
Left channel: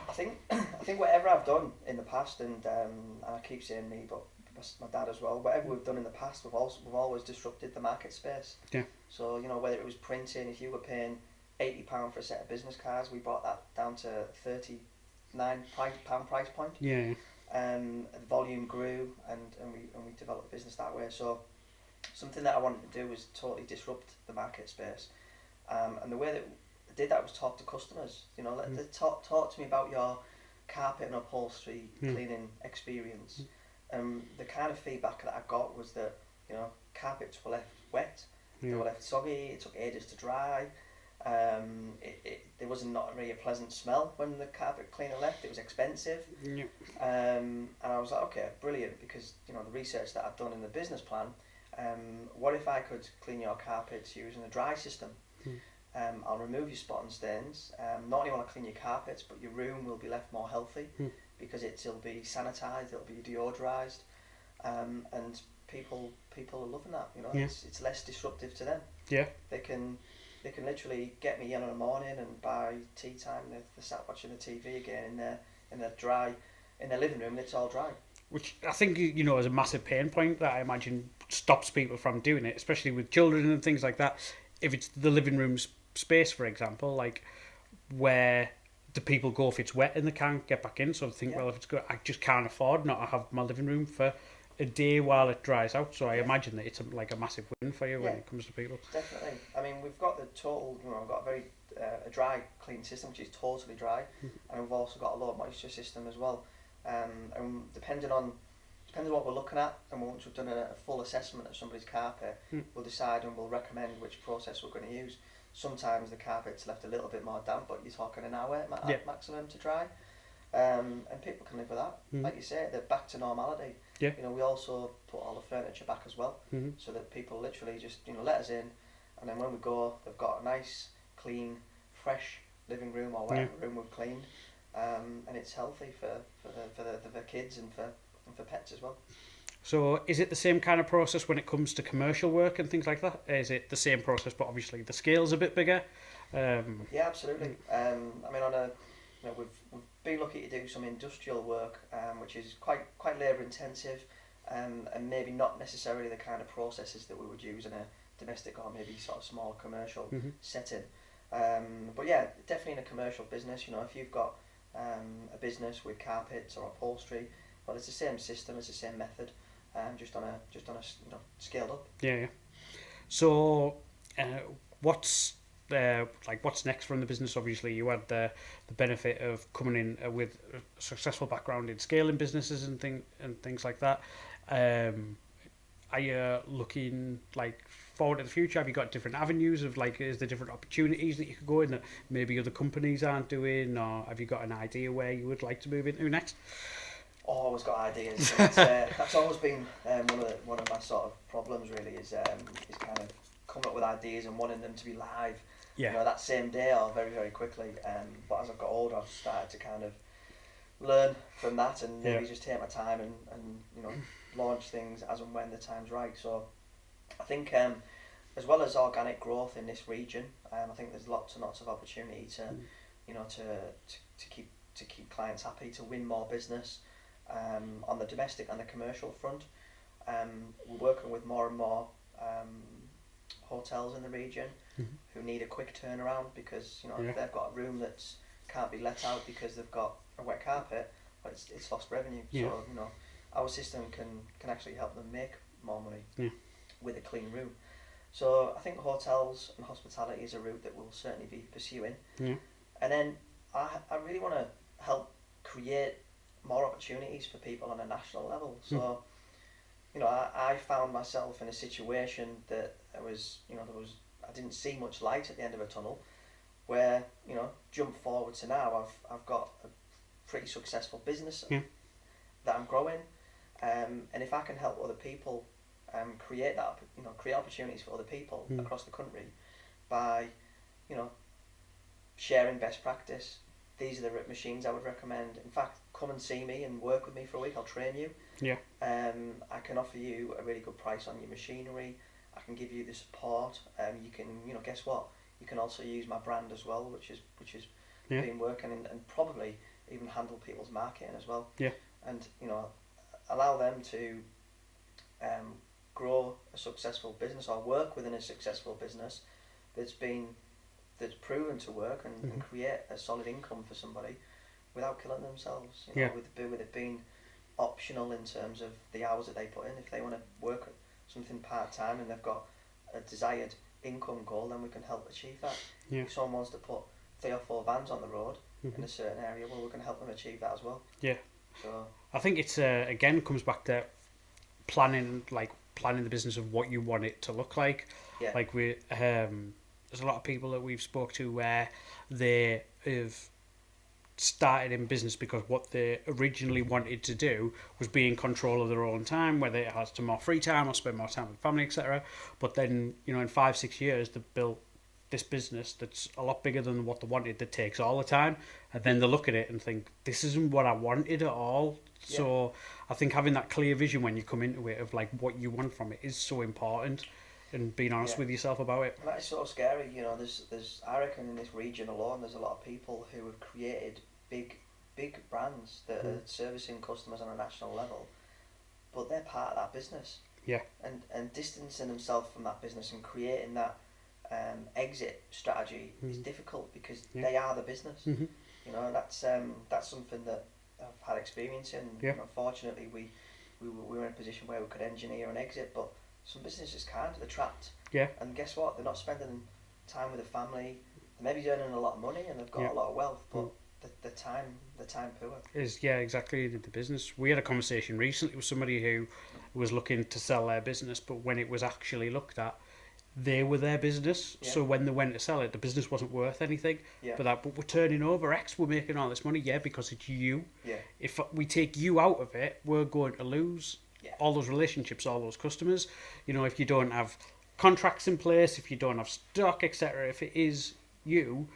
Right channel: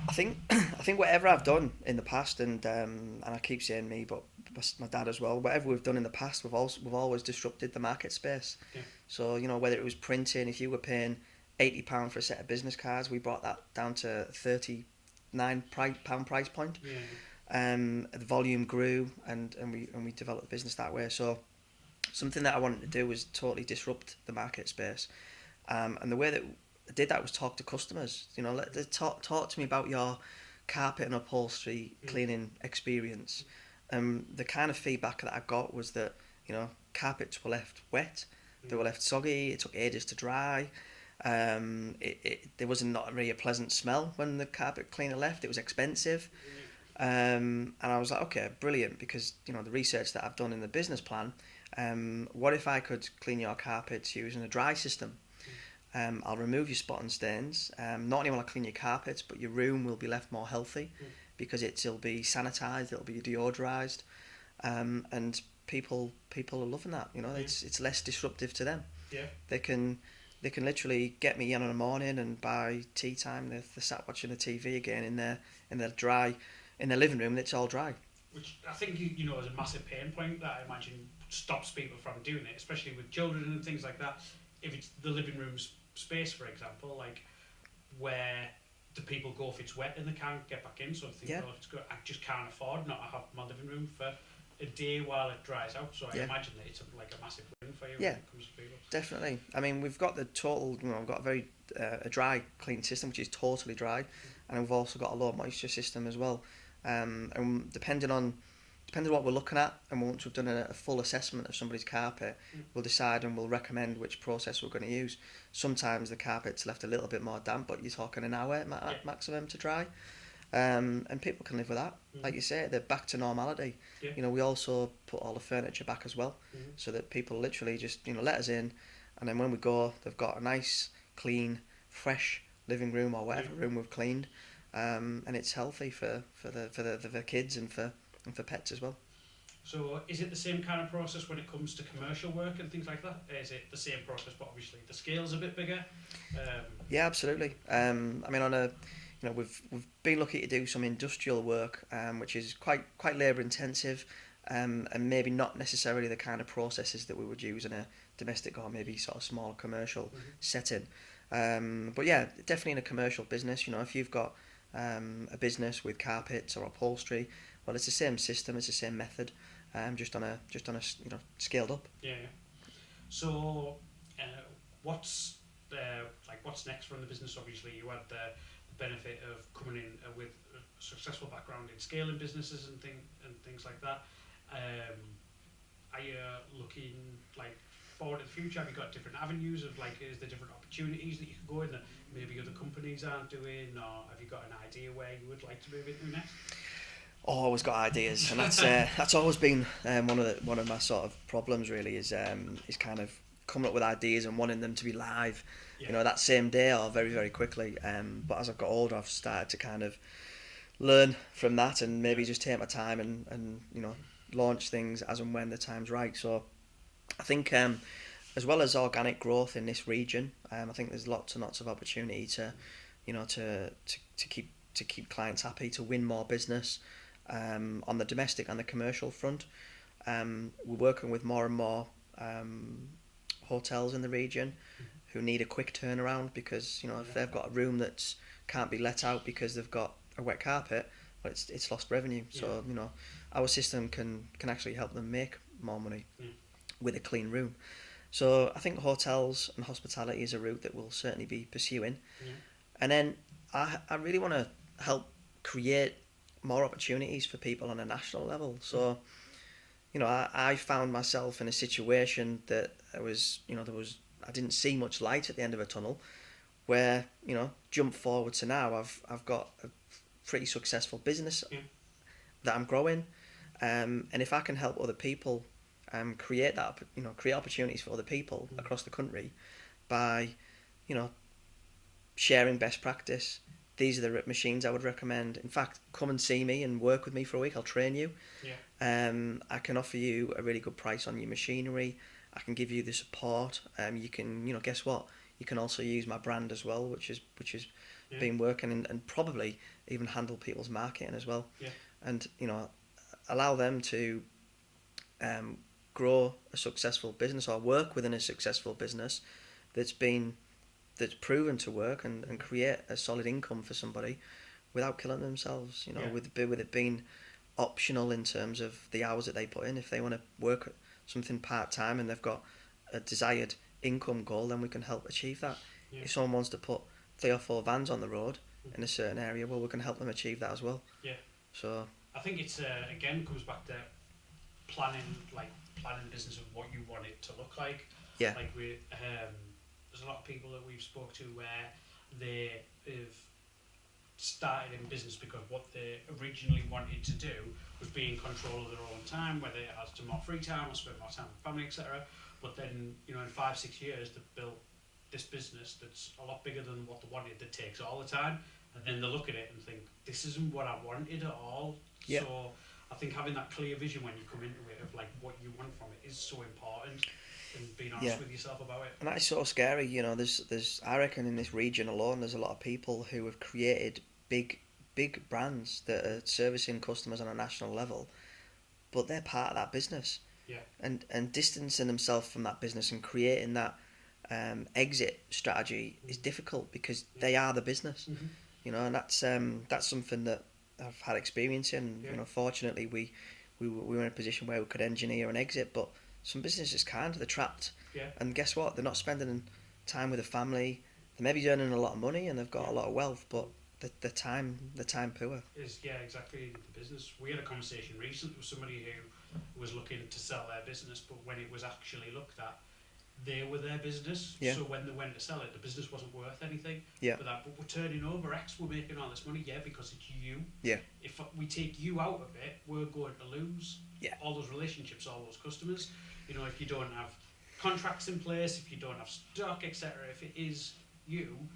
I think I think whatever I've done in the past, and I keep saying me, but my dad as well. Whatever we've done in the past, we've always disrupted the market space. Yeah. So whether it was printing, if you were paying £80 for a set of business cards, we brought that down to £39 price point. Yeah. The volume grew, and we developed the business that way. So something that I wanted to do was totally disrupt the market space. And the way that I did that was talk to customers. Talk to me about your carpet and upholstery cleaning experience. The kind of feedback that I got was that carpets were left wet, they were left soggy. It took ages to dry. There was not really a pleasant smell when the carpet cleaner left. It was expensive. Yeah. And I was like, okay, brilliant, because the research that I've done in the business plan. What if I could clean your carpets using a dry system? I'll remove your spot and stains. Not only will I clean your carpets, but your room will be left more healthy because it'll be sanitised, it'll be deodorised, and people are loving that. It's less disruptive to them. Yeah. They can literally get me in the morning, and by tea time they're sat watching the TV again in their living room, and it's all dry. Which I think is a massive pain point that I imagine stops people from doing it, especially with children and things like that. If it's the living room space, for example, like where do people go if it's wet and they can't get back in? So I think, well, if it's good, I just can't afford not to have my living room for a day while it dries out. So I imagine that it's a massive win for you when it comes to people. Definitely. I mean, we've got the total, we've got a very a dry clean system, which is totally dry, and we've also got a low moisture system as well. And depending on what we're looking at, and once we've done a full assessment of somebody's carpet, we'll decide and we'll recommend which process we're going to use. Sometimes the carpet's left a little bit more damp, but you're talking an hour maximum to dry. And people can live with that. Like you say, they're back to normality. Yeah. We also put all the furniture back as well, so that people literally just let us in, and then when we go, they've got a nice, clean, fresh living room or whatever room we've cleaned, and it's healthy for the kids and for pets as well. So is it the same kind of process when it comes to commercial work and things like that? Is it the same process, but obviously the scale's a bit bigger? Yeah, absolutely. I mean, we've been lucky to do some industrial work, which is quite labour intensive, and maybe not necessarily the kind of processes that we would use in a domestic or maybe sort of small commercial setting. But yeah, definitely in a commercial business. If you've got a business with carpets or upholstery, well, it's the same system, it's the same method, just on a scaled up. Yeah. So, what's next from the business? Obviously, you had the benefit of coming in with a successful background in scaling businesses and things like that. Are you looking forward to the future? Have you got different avenues of is there different opportunities that you could go in that maybe other companies aren't doing, or have you got an idea where you would like to move into next? Oh, always got ideas, and that's always been one of my sort of problems. Really, is kind of coming up with ideas and wanting them to be live, that same day or very, very quickly. But as I've got older, I've started to kind of learn from that and maybe just take my time and launch things as and when the time's right. So I think as well as organic growth in this region, I think there's lots and lots of opportunity to keep clients happy, to win more business. On the domestic and the commercial front, we're working with more and more hotels in the region who need a quick turnaround, because if they've got a room that can't be let out because they've got a wet carpet, well, it's lost revenue. So our system can actually help them make more money with a clean room. So I think hotels and hospitality is a route that we'll certainly be pursuing. And then I really want to help create more opportunities for people on a national level. So I found myself in a situation that I didn't see much light at the end of a tunnel, where, you know, jump forward to now, I've got a pretty successful business that I'm growing, and if I can help other people create that, you know, create opportunities for other people across the country by, you know, sharing best practice. These are the machines I would recommend. In fact, come and see me and work with me for a week. I'll train you. Yeah. I can offer you a really good price on your machinery. I can give you the support. You can, you know, guess what? You can also use my brand as well, which is been working, and probably even handle people's marketing as well. Yeah. And, you know, allow them to grow a successful business or work within a successful business that's proven to work and create a solid income for somebody without killing themselves, you know, with it being optional in terms of the hours that they put in. If they want to work something part-time and they've got a desired income goal, then we can help achieve that. If someone wants to put 3 or 4 vans on the road in a certain area, well, we can help them achieve that as well. So I think it's again comes back to planning the business of what you want it to look like. Like we there's a lot of people that we've spoke to where they have started in business because what they originally wanted to do was be in control of their own time, whether it has to more free time or spend more time with family, etc. But then, you know, in 5-6 years they've built this business that's a lot bigger than what they wanted, that takes all the time, and then they look at it and think, this isn't what I wanted at all. So I think having that clear vision when you come into it of like what you want from it is so important, and being honest with yourself about it. And that is so scary, you know. There's I reckon in this region alone there's a lot of people who have created big brands that are servicing customers on a national level, but they're part of that business. And distancing themselves from that business and creating that exit strategy is difficult because they are the business. You know, and that's something that I've had experience in. You know, fortunately we were in a position where we could engineer an exit, but some businesses can't. They're trapped. And guess what? They're not spending time with the family. They may be earning a lot of money and they've got a lot of wealth, but the time poor. Is exactly the business. We had a conversation recently with somebody who was looking to sell their business, but when it was actually looked at, they were their business. So when they went to sell it, the business wasn't worth anything. But we're turning over X, we're making all this money. Because it's you. If we take you out of it, we're going to lose all those relationships, all those customers. You know, if you don't have contracts in place, if you don't have stock, etc. If it is you,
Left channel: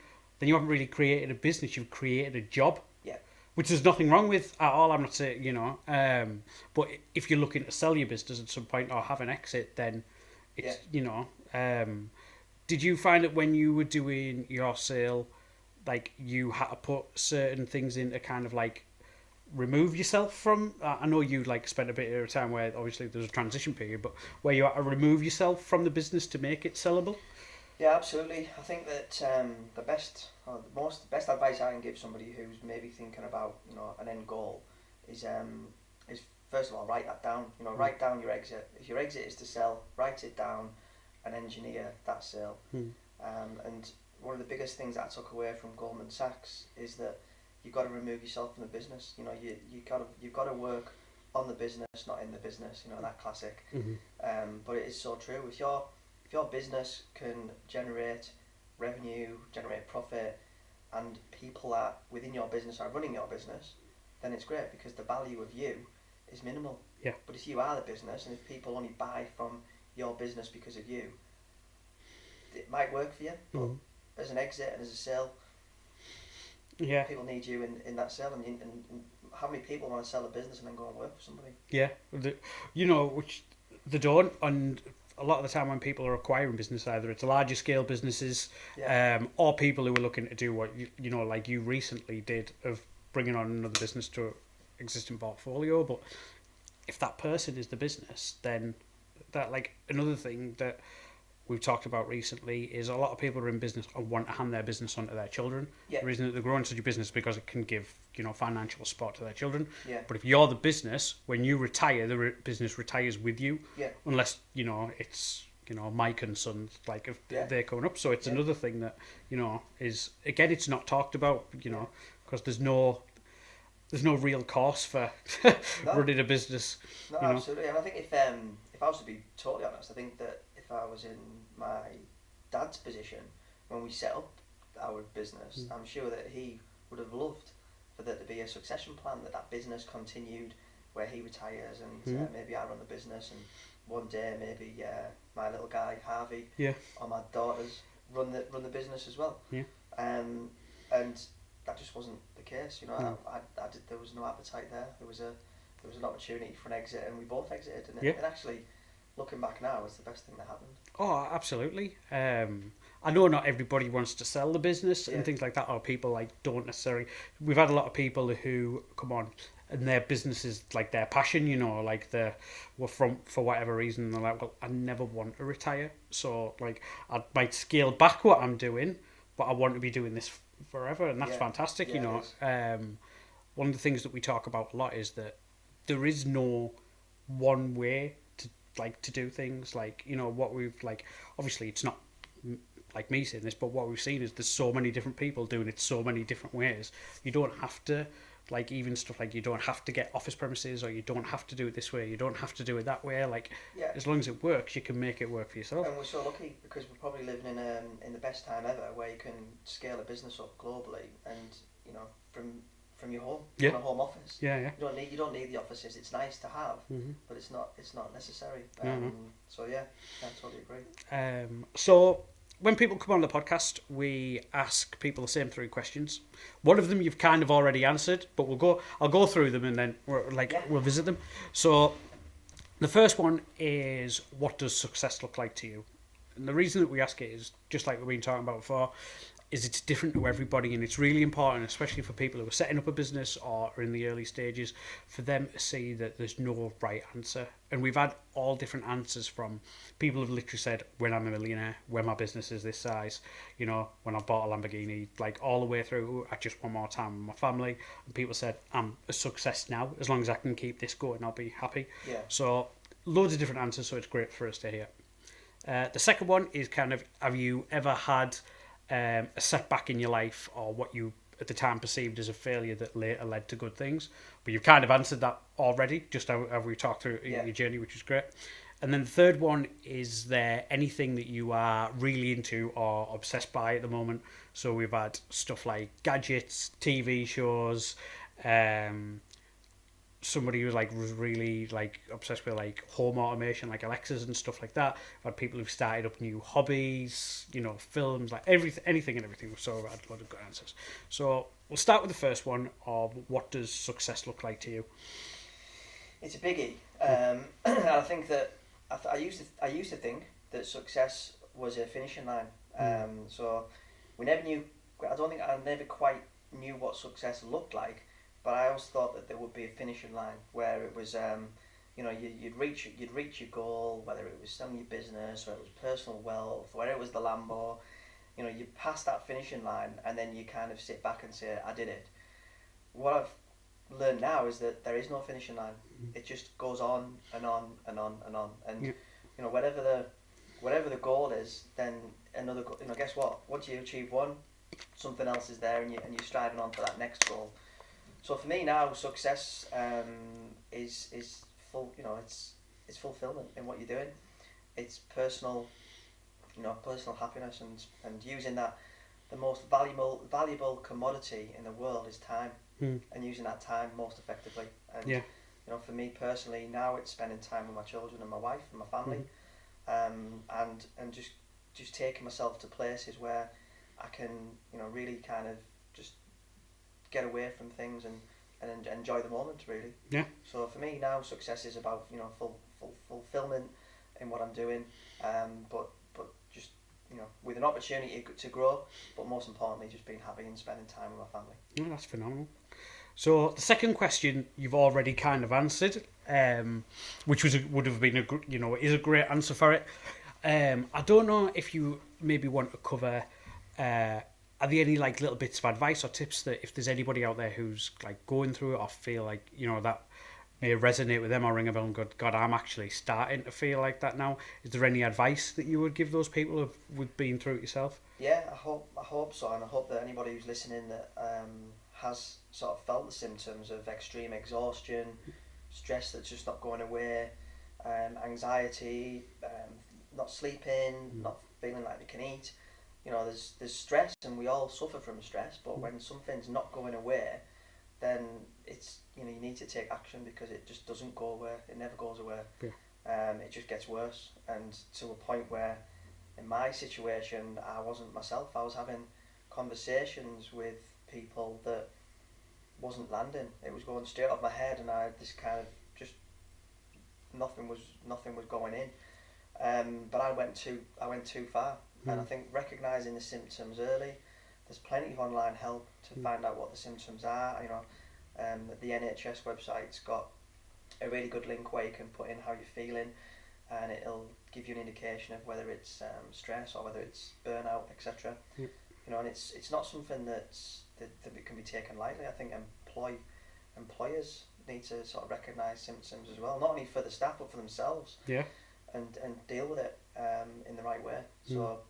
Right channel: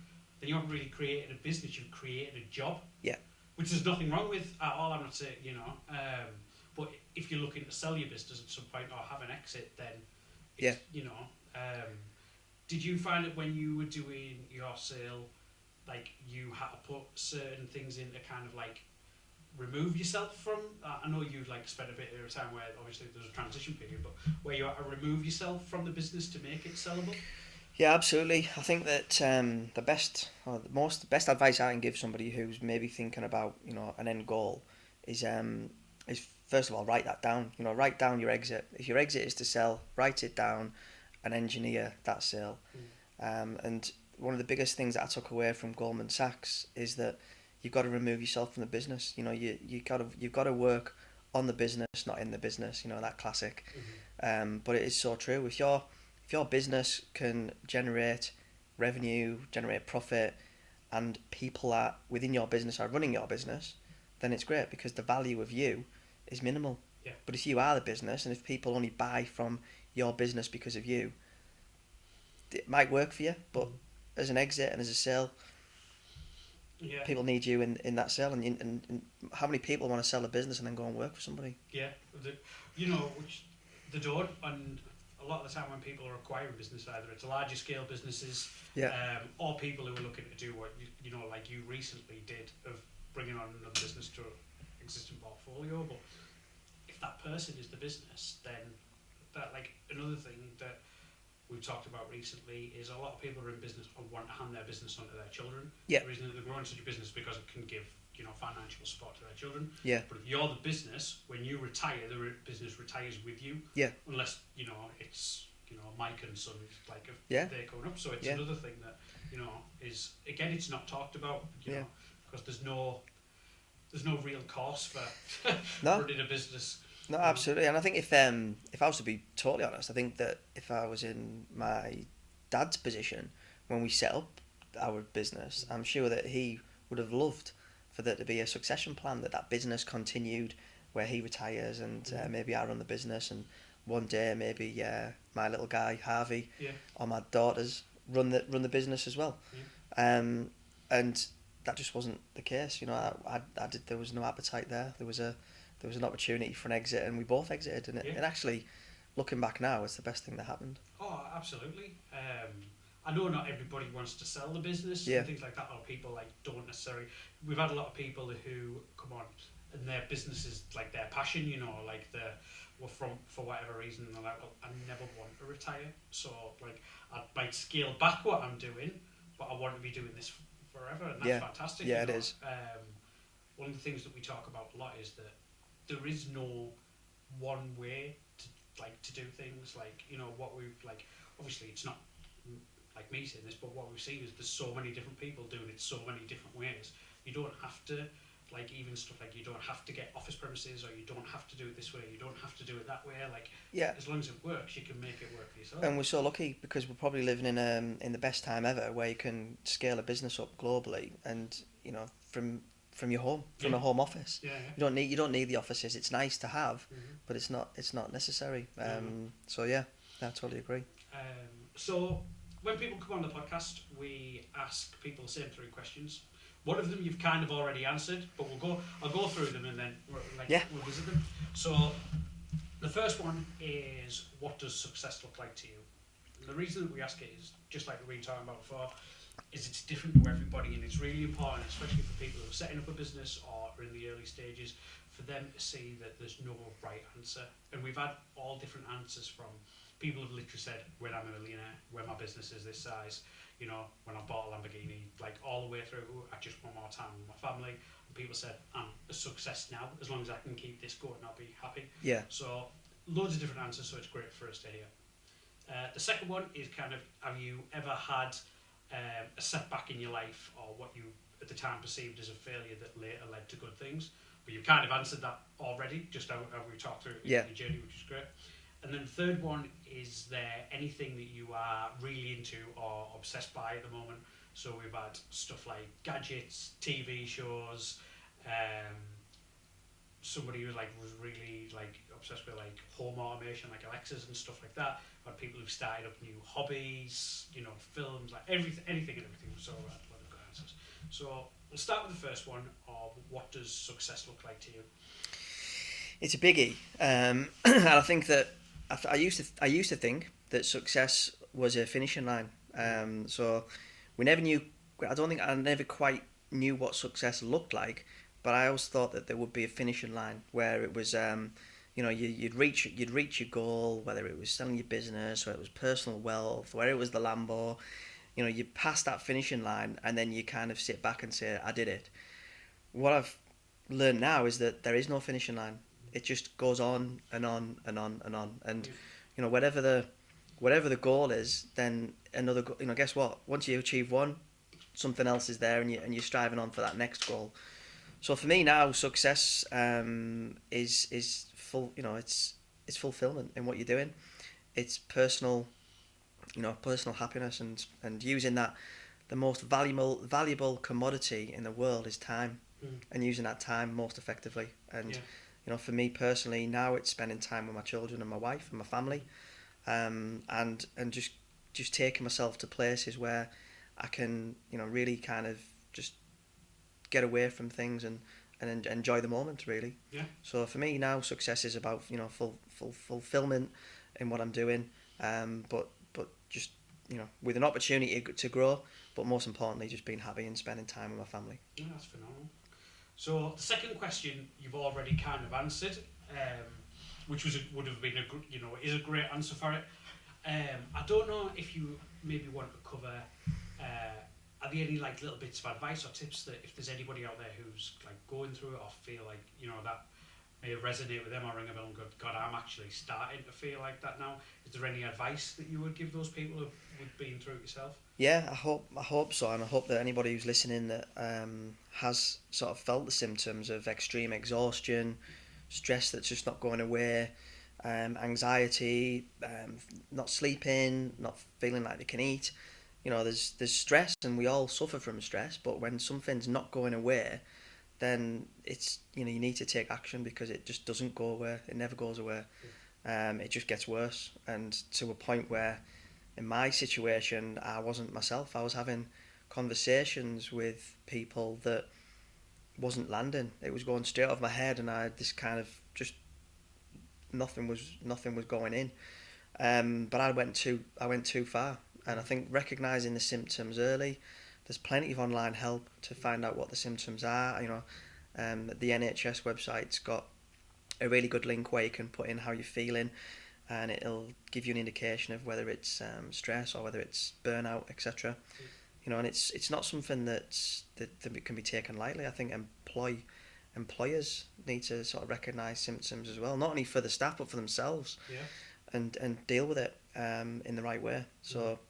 then you haven't really created a business. You've created a job. Which there's nothing wrong with at all. I'm not saying, you know. But if you're looking to sell your business at some point or have an exit, then it's, you know. Did you find that when you were doing your sale, like you had to put certain things in to kind of like remove yourself from? I know you like spent a bit of time where obviously there's a transition period, but where you had to remove yourself from the business to make it sellable. Yeah, absolutely. I think that the best advice I can give somebody who's maybe thinking about, you know, an end goal is first of all, write that down. You know, write down your exit. If your exit is to sell, write it down and engineer that sale. And one of the biggest things that I took away from Goldman Sachs is that you've got to remove yourself from the business. You know, you've got to work on the business, not in the business. You know, that classic. But it is so true. If your business can generate revenue, generate profit, and people are within your business are running your business, then it's great because the value of you is minimal. But if you are the business, and if people only buy from your business because of you, it might work for you, but as an exit and as a sale, people need you in that sale. And how many people want to sell a business and then go and work for somebody? You know, which they don't. And a lot of the time when people are acquiring business, either it's larger scale businesses, or people who are looking to do what you know, like you recently did, of bringing on another business to an existing portfolio. But if that person is the business, then that, like, another thing that we've talked about recently is a lot of people are in business and want to hand their business on to their children. The reason that they're growing such a business is because it can give, you know, financial support to their children. But if you're the business, when you retire, the business retires with you. Unless, you know, it's, you know, Mike and Sons, like, if they're coming up. So it's another thing that, you know, is, again, it's not talked about, you know, because there's no real cost for running a business. No, absolutely. And I think if I was to be totally honest, I think that if I was in my dad's position when we set up our business, I'm sure that he would have loved for there to be a succession plan, that business continued where he retires and maybe I run the business, and one day maybe my little guy Harvey or my daughters run the business as well. And that just wasn't the case. There was no appetite there. There was an opportunity for an exit, and we both exited, and it actually, looking back now, it's the best thing that happened. Oh, absolutely. I know not everybody wants to sell the business and things like that, or people don't necessarily. We've had a lot of people who come on and their business is like their passion, for whatever reason they're like, well, I never want to retire, so I might scale back what I'm doing, but I want to be doing this forever, and that's fantastic. Yeah, it is. One of the things that we talk about a lot is that there is no one way to do things. What we've obviously it's not like me saying this, but what we've seen is there's so many different people doing it so many different ways. You don't have to even stuff you don't have to get office premises, or you don't have to do it this way, you don't have to do it that way. As long as it works, you can make it work for yourself. And we're so lucky because we're probably living in the best time ever, where you can scale a business up globally, and from your home, from a home office. You don't need the offices. It's nice to have, but it's not necessary. So I totally agree. So when people come on the podcast, we ask people the same 3 questions. One of them you've kind of already answered, but I'll go through them and then we'll visit them. So the first one is, what does success look like to you? And the reason that we ask it is, just like we've been talking about before, is it's different to everybody, and it's really important, especially for people who are setting up a business or are in the early stages, for them to see that there's no right answer. And we've had all different answers from people who've literally said, when I'm a millionaire, when my business is this size, when I bought a Lamborghini, all the way through, I just want more time with my family. And people said, I'm a success now, as long as I can keep this going, I'll be happy. So loads of different answers, so it's great for us to hear. The second one is kind of, have you ever had a setback in your life, or what you at the time perceived as a failure that later led to good things? But you've kind of answered that already, just how we talked through your journey, which is great. And then the third one, is there anything that you are really into or obsessed by at the moment? So we've had stuff like gadgets, TV shows, somebody who was really obsessed with home automation, like Alexas and stuff like that. I've had people who've started up new hobbies, films, anything and everything. So I've had a lot of good answers. So we'll start with the first one of, what does success look like to you? It's a biggie. And I think that I used to think that success was a finishing line. So we never knew. I don't think I never quite knew what success looked like. But I always thought that there would be a finishing line where it was, you'd reach your goal, whether it was selling your business, or it was personal wealth, whether it was the Lambo. You pass that finishing line, and then you kind of sit back and say, I did it. What I've learned now is that there is no finishing line. It just goes on and on and on and on. And whatever the goal is, then another. Guess what? Once you achieve one, something else is there, and you're striving on for that next goal. So for me now, success is full. It's fulfillment in what you're doing. It's personal happiness, and using that. The most valuable commodity in the world is time, and using that time most effectively. And for me personally, now it's spending time with my children and my wife and my family, and just taking myself to places where I can really kind of just get away from things and enjoy the moment, really. So for me now, success is about fulfillment in what I'm doing, but just with an opportunity to grow, but most importantly just being happy and spending time with my family. That's phenomenal. So the second question you've already kind of answered, which would have been is a great answer for it. I don't know if you maybe want to cover. Are there any little bits of advice or tips that if there's anybody out there who's going through it, or feel that may resonate with them, or ring a bell and go, God, I'm actually starting to feel like that now? Is there any advice that you would give those people who've been through it yourself? Yeah, I hope so, and I hope that anybody who's listening that has sort of felt the symptoms of extreme exhaustion, stress that's just not going away, anxiety, not sleeping, not feeling like they can eat, there's stress, and we all suffer from stress. But when something's not going away, then it's you need to take action, because it just doesn't go away. It never goes away. Yeah. It just gets worse, and to a point where, in my situation, I wasn't myself. I was having conversations with people that wasn't landing. It was going straight off my head, and I had this kind of just nothing was going in. But I went too far, and I think recognising the symptoms early. There's plenty of online help to find out what the symptoms are. The NHS website's got a really good link where you can put in how you're feeling, and it'll give you an indication of whether it's stress or whether it's burnout, etc. And it's not something that can be taken lightly. I think employers need to sort of recognise symptoms as well, not only for the staff but for themselves. Yeah. And deal with it in the right way. So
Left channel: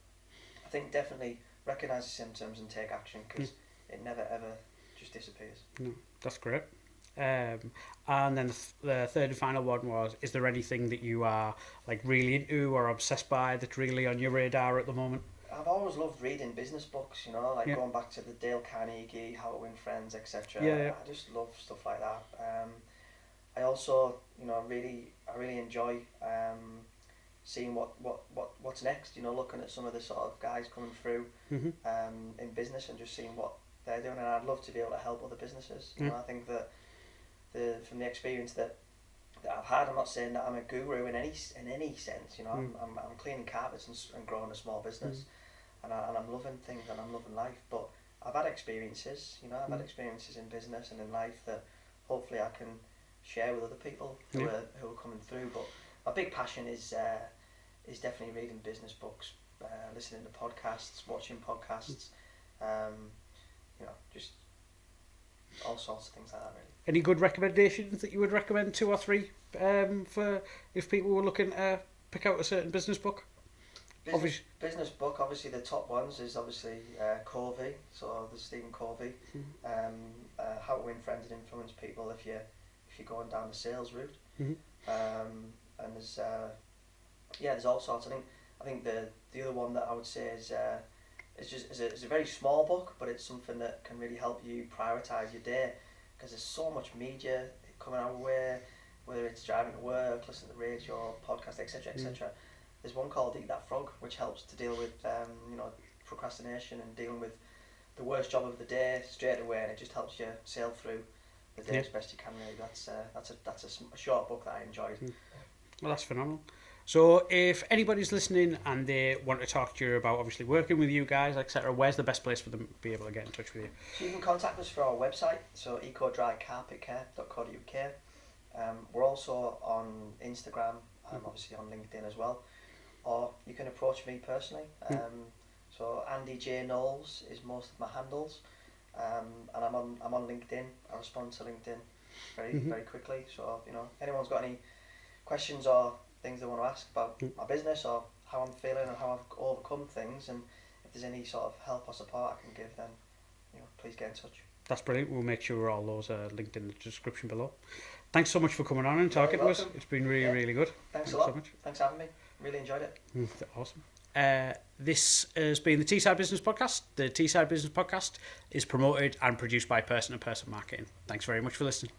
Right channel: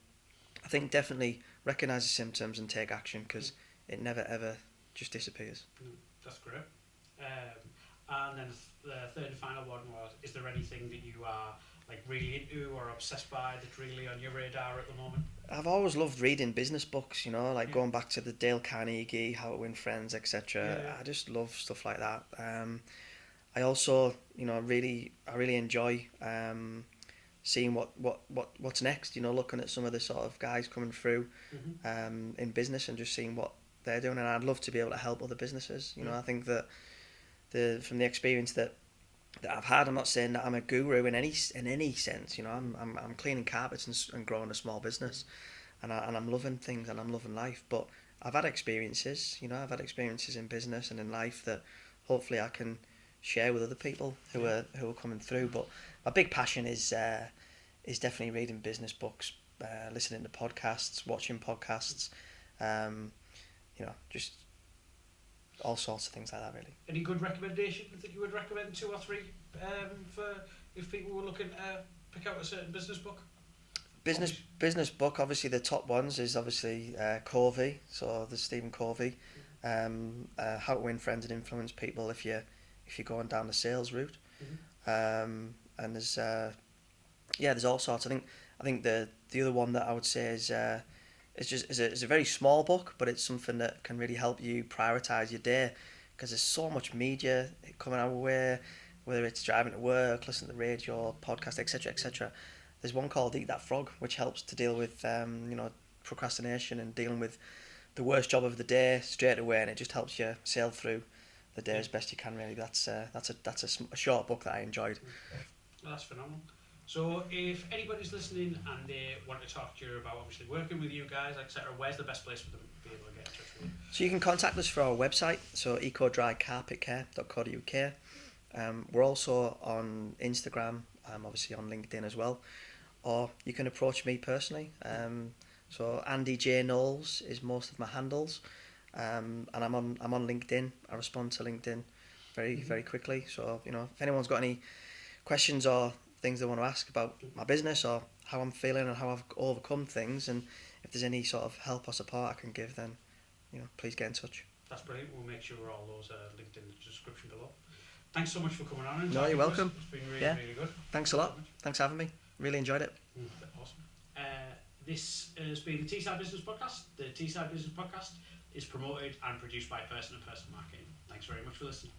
I think definitely recognise the symptoms and take action, because it never ever just disappears. No, that's great. And then the third and final one was: is there anything that you are like really into or obsessed by that's really on your radar at the moment? I've always loved reading business books, going back to the Dale Carnegie, How to Win Friends, etc. Yeah. I just love stuff like that. I also, really enjoy seeing what's next. Looking at some of the sort of guys coming through in business, and just seeing what they're doing. And I'd love to be able to help other businesses. I think that from the experience that I've had, I'm not saying that I'm a guru in any sense. I'm cleaning carpets and growing a small business, and I'm loving things, and I'm loving life. But I've had experiences. I've had experiences in business and in life that hopefully I can share with other people who are coming through. But my big passion is definitely reading business books, listening to podcasts, watching podcasts, just all sorts of things like that, really. Any good recommendations that you would recommend, 2 or 3, for if people were looking to pick out a certain business book? Business book, obviously the top ones is obviously Covey, so there's Stephen Covey, How to Win Friends and Influence People if you're going down the sales route, and there's all sorts. I think the other one that I would say is it's a very small book, but it's something that can really help you prioritise your day, because there's so much media coming our way, whether it's driving to work, listening to the radio, podcast, etc. There's one called Eat That Frog, which helps to deal with procrastination and dealing with the worst job of the day straight away, and it just helps you sail through the day as best you can. Really, that's a short book that I enjoyed. Well, that's phenomenal. So if anybody's listening and they want to talk to you about obviously working with you guys, etc., where's the best place for them to be able to get in touch with you? So you can contact us through our website, so ecodrycarpetcare.co.uk. We're also on Instagram, obviously on LinkedIn as well, or you can approach me personally. So Andy J Knowles is most of my handles, and I'm on LinkedIn. I respond to LinkedIn very quickly. So if anyone's got any questions or things they want to ask about my business or how I'm feeling and how I've overcome things, and if there's any sort of help or support I can give, then please get in touch. That's brilliant. We'll make sure all those are linked in the description below. Thanks so much for coming on and talking to us. It's been really good. Thanks a lot. So much. Thanks for having me. Really enjoyed it. Awesome. This has been the Teesside Business Podcast. The Teesside Business Podcast is promoted and produced by Person to Person Marketing. Thanks very much for listening.